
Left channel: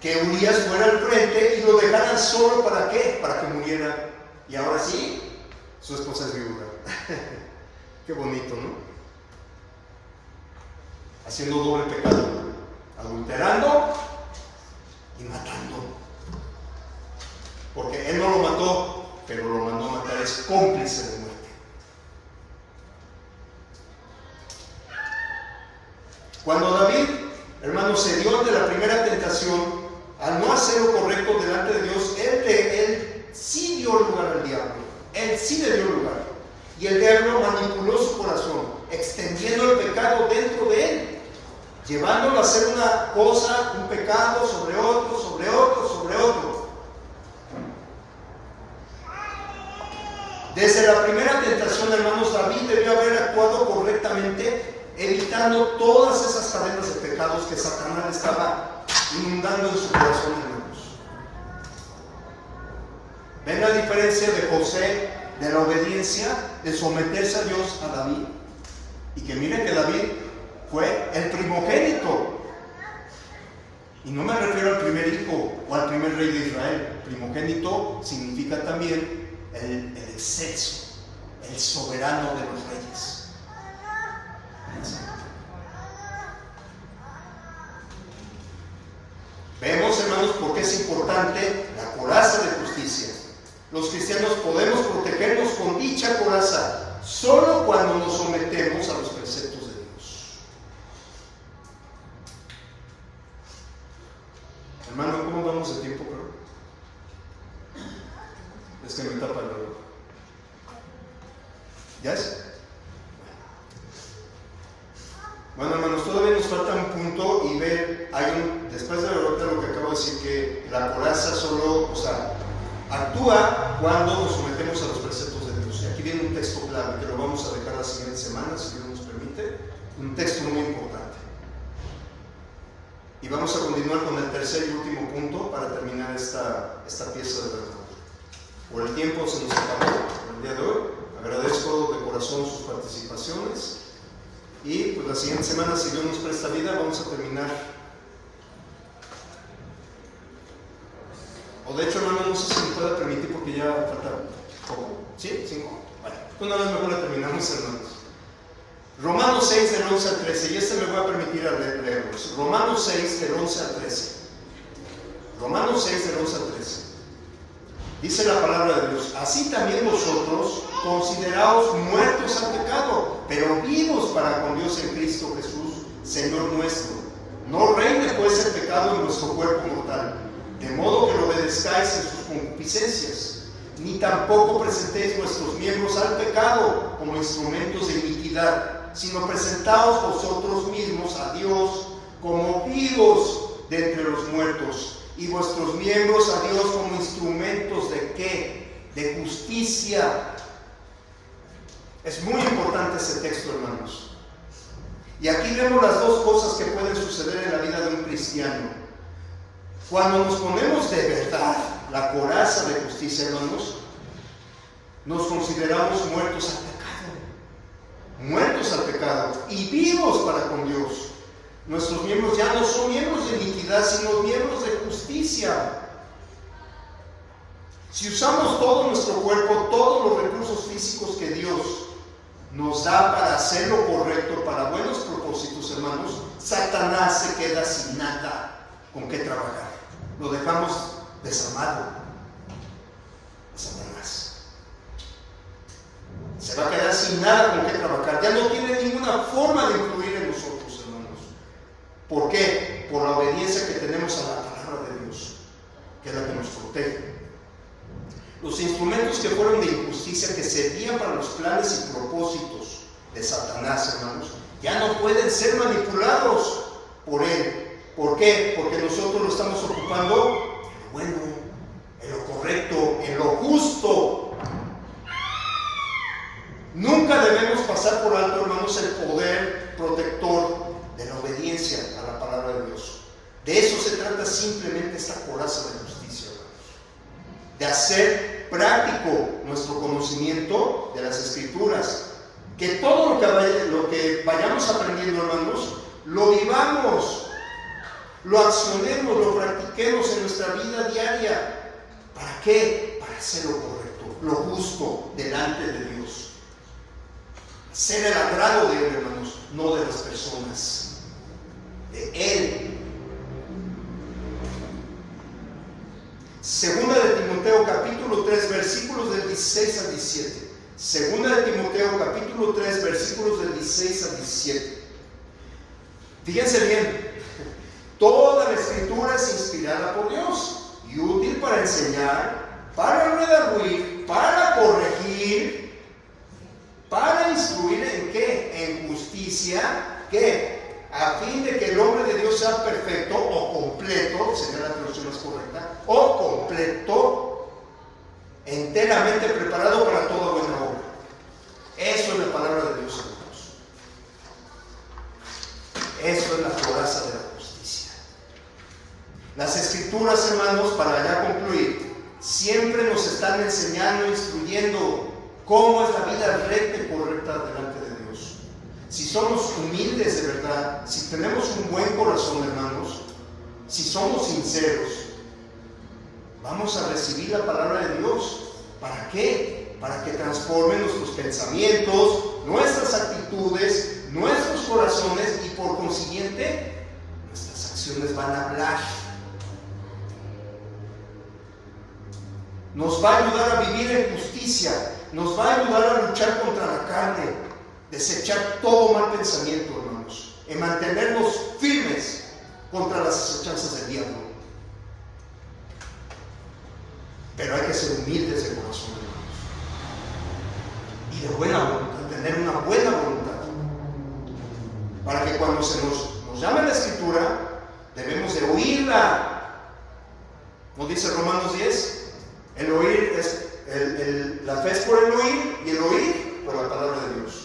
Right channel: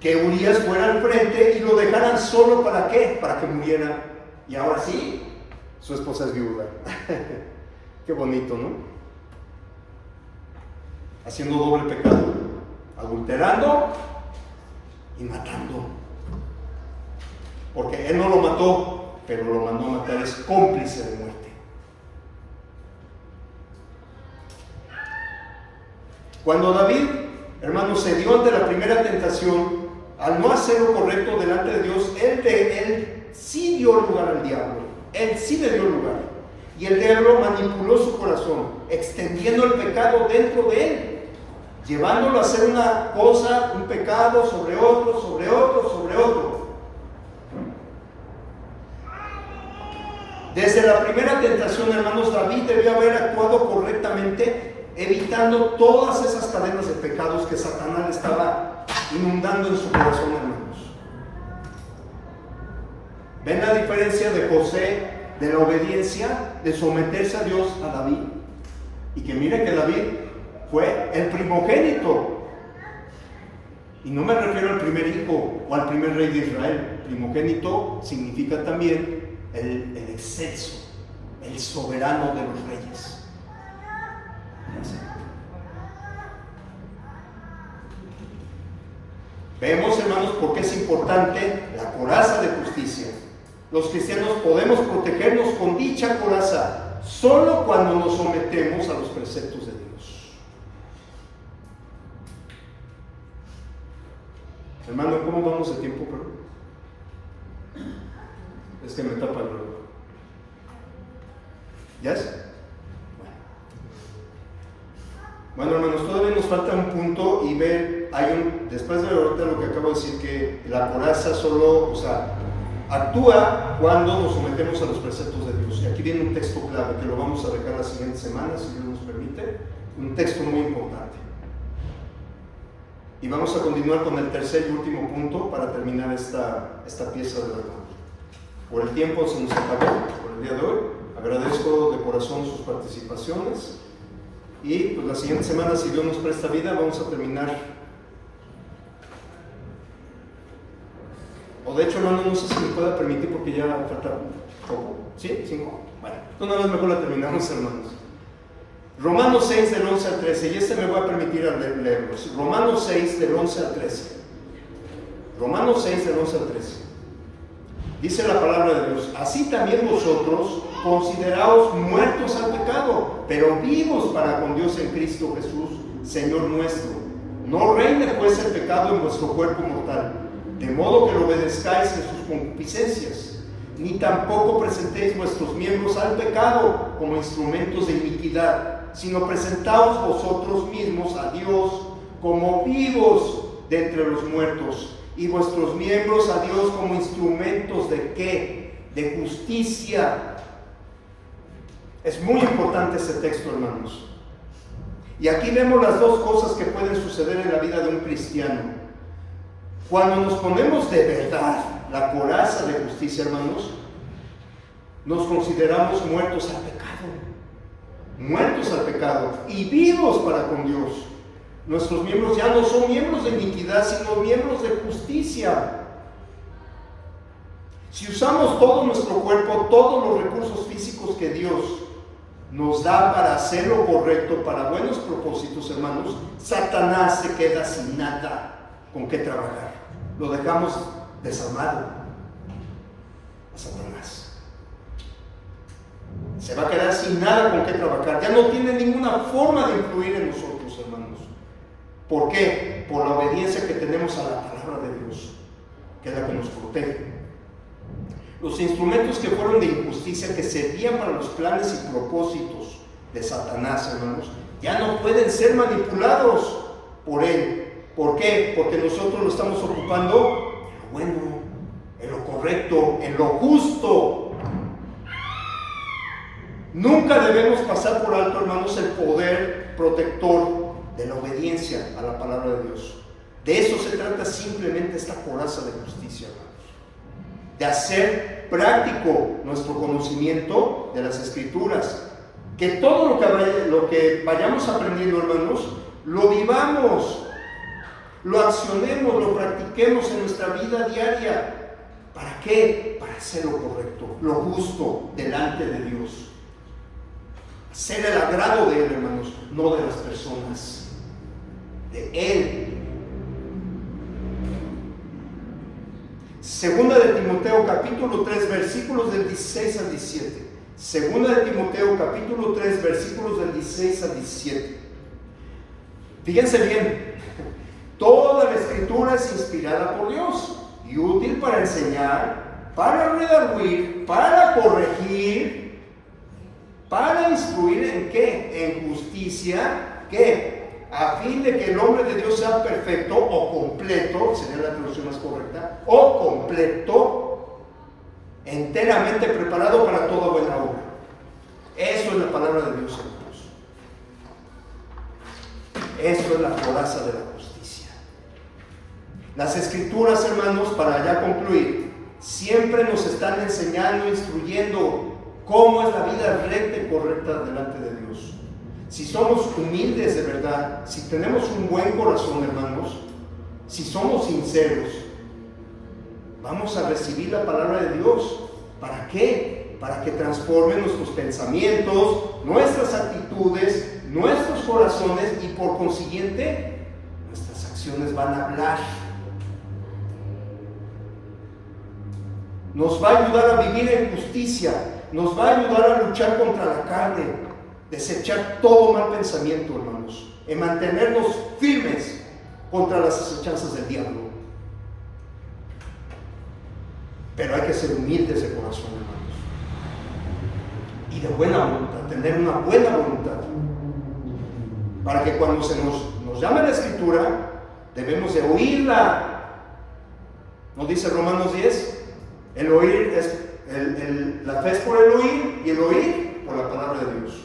Que Urías fuera al frente y lo dejaran solo. ¿Para qué? Para que muriera. Y ahora sí, su esposa es viuda. Qué bonito, ¿no? Haciendo doble pecado, adulterando y matando. Porque él no lo mató, pero lo mandó a matar, es cómplice de muerte. Cuando David, hermanos, se dio ante la primera tentación, al no hacer lo correcto delante de Dios, él sí dio lugar al diablo. Él sí le dio lugar. Y el diablo manipuló su corazón, extendiendo el pecado dentro de él, llevándolo a hacer una cosa, un pecado sobre otro, sobre otro, sobre otro. Desde la primera tentación, hermanos, David debió haber actuado correctamente, evitando todas esas cadenas de pecados que Satanás estaba inundando en su corazón, hermanos. ¿Ven la diferencia de José, de la obediencia, de someterse a Dios, a David? Y que mire que David fue el primogénito. Y no me refiero al primer hijo o al primer rey de Israel. Primogénito significa también el excelso, el soberano de los reyes. Vemos, hermanos, por qué es importante la coraza de justicia. Los cristianos podemos protegernos con dicha coraza solo cuando nos sometemos a los preceptos de Dios. Hermano, ¿cómo vamos de tiempo, pero? Es que me tapa el reloj. ¿Ya es? Bueno, hermanos, todavía nos falta un punto y ver, después de lo que acabo de decir, que la coraza solo, actúa cuando nos sometemos a los preceptos de Dios. Y aquí viene un texto clave que lo vamos a dejar la siguiente semana, si Dios nos permite, un texto muy importante. Y vamos a continuar con el tercer y último punto para terminar esta pieza de verdad. Por el tiempo se nos acabó, por el día de hoy. Agradezco de corazón sus participaciones. Y pues la siguiente semana, si Dios nos presta vida, vamos a terminar. O de hecho, hermano, no sé si me pueda permitir porque ya falta poco. ¿Sí? 5. Bueno, una vez mejor la terminamos, hermanos. Romanos 6 del 11 al 13. Y me voy a permitir leerlos. Romanos 6 del 11 al 13. Romanos 6 del 11 al 13. Dice la palabra de Dios: así también vosotros consideraos muertos al pecado, pero vivos para con Dios en Cristo Jesús, Señor nuestro. No reine pues el pecado en vuestro cuerpo mortal, de modo que lo obedezcáis en sus concupiscencias, ni tampoco presentéis vuestros miembros al pecado como instrumentos de iniquidad, sino presentaos vosotros mismos a Dios como vivos de entre los muertos, y vuestros miembros a Dios como instrumentos ¿de qué? De justicia. Es muy importante ese texto, hermanos. Y aquí vemos las dos cosas que pueden suceder en la vida de un cristiano. Cuando nos ponemos de verdad la coraza de justicia, hermanos, nos consideramos muertos al pecado. muertos al pecado y vivos para con Dios. Nuestros miembros ya no son miembros de iniquidad, sino miembros de justicia. Si usamos todo nuestro cuerpo, todos los recursos físicos que Dios nos da para hacer lo correcto, para buenos propósitos, hermanos, Satanás se queda sin nada con qué trabajar. Lo dejamos desarmado a Satanás. Se va a quedar sin nada con qué trabajar. Ya no tiene ninguna forma de influir en nosotros, hermanos. ¿Por qué? Por la obediencia que tenemos a la palabra de Dios, que es la que nos protege. Los instrumentos que fueron de injusticia, que servían para los planes y propósitos de Satanás, hermanos, ya no pueden ser manipulados por él. ¿Por qué? Porque nosotros lo estamos ocupando en lo bueno, en lo correcto, en lo justo. Nunca debemos pasar por alto, hermanos, el poder protector de la obediencia a la palabra de Dios. De eso se trata simplemente esta coraza de justicia, hermanos. De hacer práctico nuestro conocimiento de las Escrituras. Que todo lo que vayamos aprendiendo, hermanos, lo vivamos, lo accionemos, lo practiquemos en nuestra vida diaria. ¿Para qué? Para hacer lo correcto, lo justo delante de Dios. Ser el agrado de Él, hermanos, no de las personas, de Él. Segunda de Timoteo capítulo 3 versículos del 16 al 17. Segunda de Timoteo capítulo 3 versículos del 16 al 17. Fíjense bien, toda la Escritura es inspirada por Dios y útil para enseñar, para redarguir, para corregir, para instruir ¿en qué? En justicia, ¿qué? A fin de que el hombre de Dios sea perfecto o completo, sería la traducción más correcta, o completo, enteramente preparado para toda buena obra. Eso es la palabra de Dios, hermanos. Eso es la coraza de la justicia. Las Escrituras, hermanos, para ya concluir, siempre nos están enseñando, instruyendo cómo es la vida recta y correcta delante de Dios. Si somos humildes de verdad, si tenemos un buen corazón, hermanos, si somos sinceros, vamos a recibir la palabra de Dios. ¿Para qué? Para que transforme nuestros pensamientos, nuestras actitudes, nuestros corazones y por consiguiente nuestras acciones van a hablar. Nos va a ayudar a vivir en justicia, nos va a ayudar a luchar contra la carne, desechar todo mal pensamiento, hermanos, en mantenernos firmes contra las acechanzas del diablo. Pero hay que ser humildes de corazón, hermanos, y de buena voluntad, tener una buena voluntad, para que cuando se nos llame la Escritura, debemos de oírla. ¿No dice Romanos 10? El oír es, la fe es por el oír, y el oír por la palabra de Dios.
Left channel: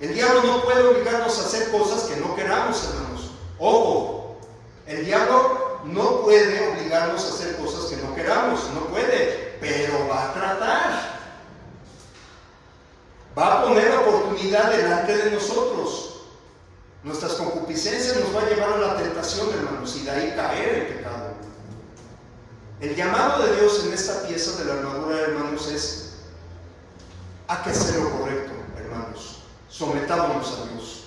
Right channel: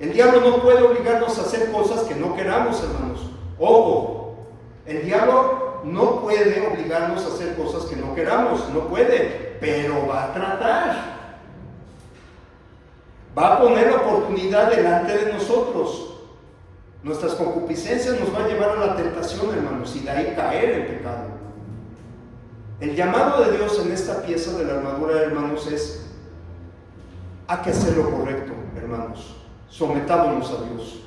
El diablo no puede obligarnos a hacer cosas que no queramos, hermanos. Ojo, el diablo no puede obligarnos a hacer cosas que no queramos, no puede, pero va a tratar. Va a poner la oportunidad delante de nosotros. Nuestras concupiscencias nos va a llevar a la tentación, hermanos, y de ahí caer en pecado. El llamado de Dios en esta pieza de la armadura, hermanos, es a que hacer lo correcto, hermanos. Sometámonos a Dios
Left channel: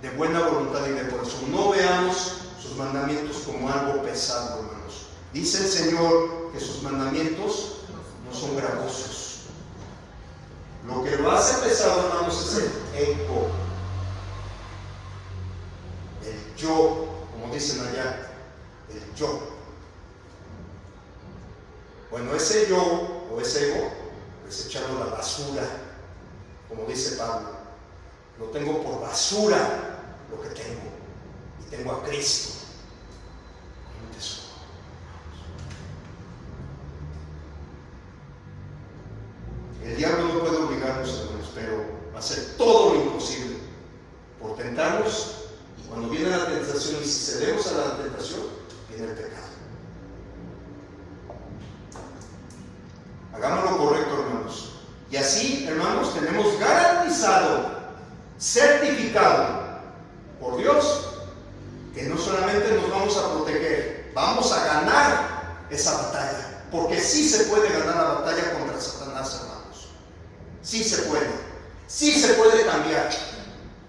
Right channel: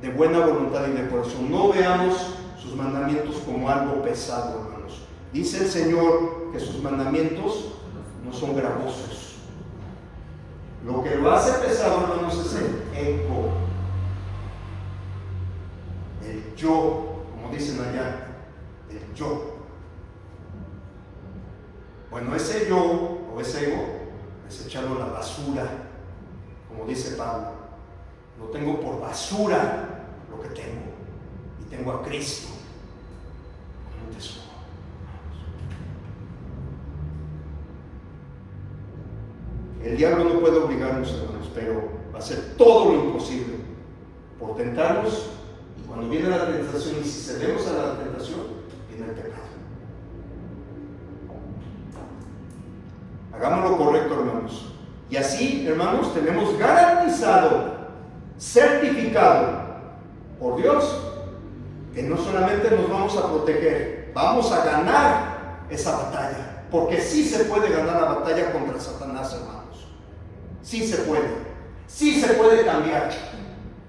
de buena voluntad y de corazón. No veamos sus mandamientos como algo pesado, hermanos. Dice el Señor que sus mandamientos no son gravosos. Lo que lo hace pesado, hermanos, es el ego, el yo, como dicen allá, el yo. Bueno, ese yo o ese ego es echarlo a la basura, como dice Pablo. Lo tengo por basura lo que tengo, y tengo a Cristo como un tesoro. El diablo no puede obligarnos, hermanos, pero va a hacer todo lo imposible por tentarnos, y cuando viene la tentación, y si cedemos a la tentación, viene el pecado. Hagamos lo correcto, hermanos, Y así, hermanos, tenemos garantizado, certificado por Dios, que no solamente nos vamos a proteger, vamos a ganar esa batalla, porque sí se puede ganar la batalla contra Satanás, hermanos. Sí se puede cambiar.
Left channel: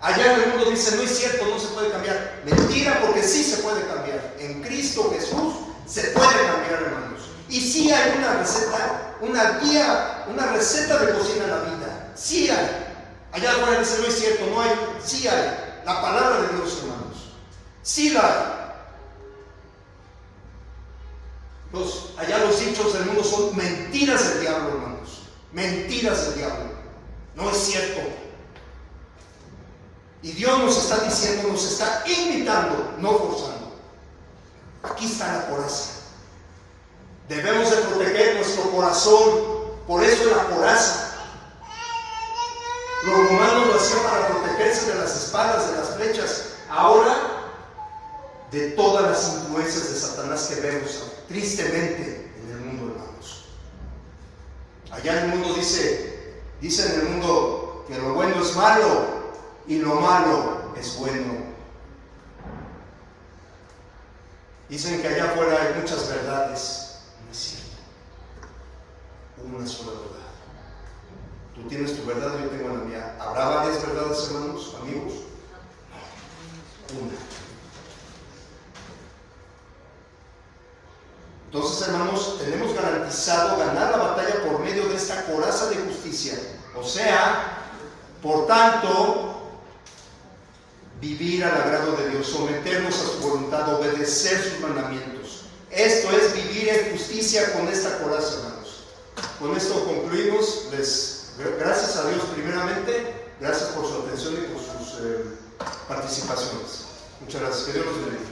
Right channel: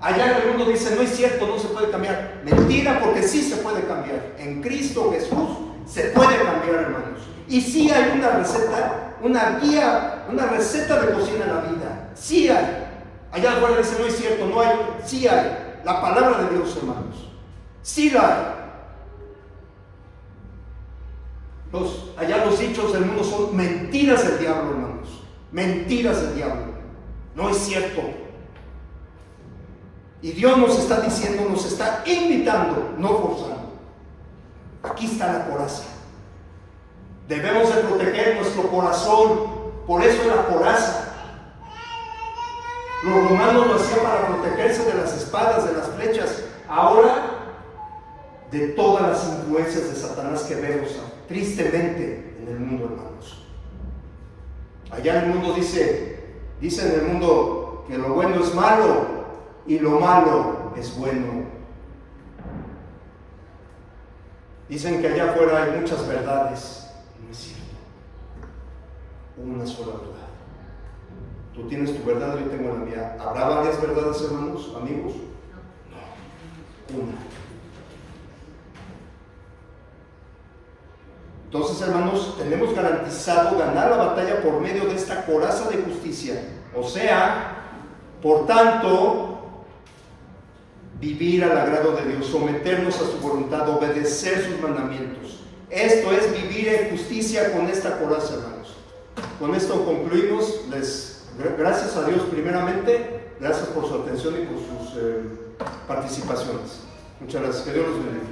Allá el mundo dice, no es cierto, no se puede cambiar. Mentira, porque sí se puede cambiar. En Cristo Jesús se puede cambiar, hermanos. Y sí hay una receta, una guía, una receta de cocina en la vida. Sí hay. Allá afuera dice, no es cierto, no hay. Sí hay. La palabra de Dios, hermanos. Sí la hay. Allá los dichos del mundo son mentiras del diablo, hermanos. Mentiras del diablo. No es cierto. Y Dios nos está diciendo, nos está invitando, no forzando. Aquí está la coraza. Debemos de proteger nuestro corazón. Por eso la coraza. Los romanos lo hacían para protegerse de las espadas, de las flechas. Ahora, de todas las influencias de Satanás que vemos tristemente en el mundo, hermanos. Allá en el mundo dice en el mundo que lo bueno es malo y lo malo es bueno. Dicen que allá afuera hay muchas verdades. No es cierto. Una sola verdad. Tú tienes tu verdad, yo tengo la mía. ¿Habrá varias verdades, hermanos, amigos? No. Una. Entonces, hermanos, tenemos garantizado ganar la batalla por medio de esta coraza de justicia. O sea, por tanto, vivir al agrado de Dios, someternos a su voluntad, obedecer sus mandamientos. Esto es vivir en justicia con esta coraza, hermanos. Con esto concluimos. Gracias a Dios primeramente, gracias por su atención y por sus participaciones. Muchas gracias. Que Dios los bendiga.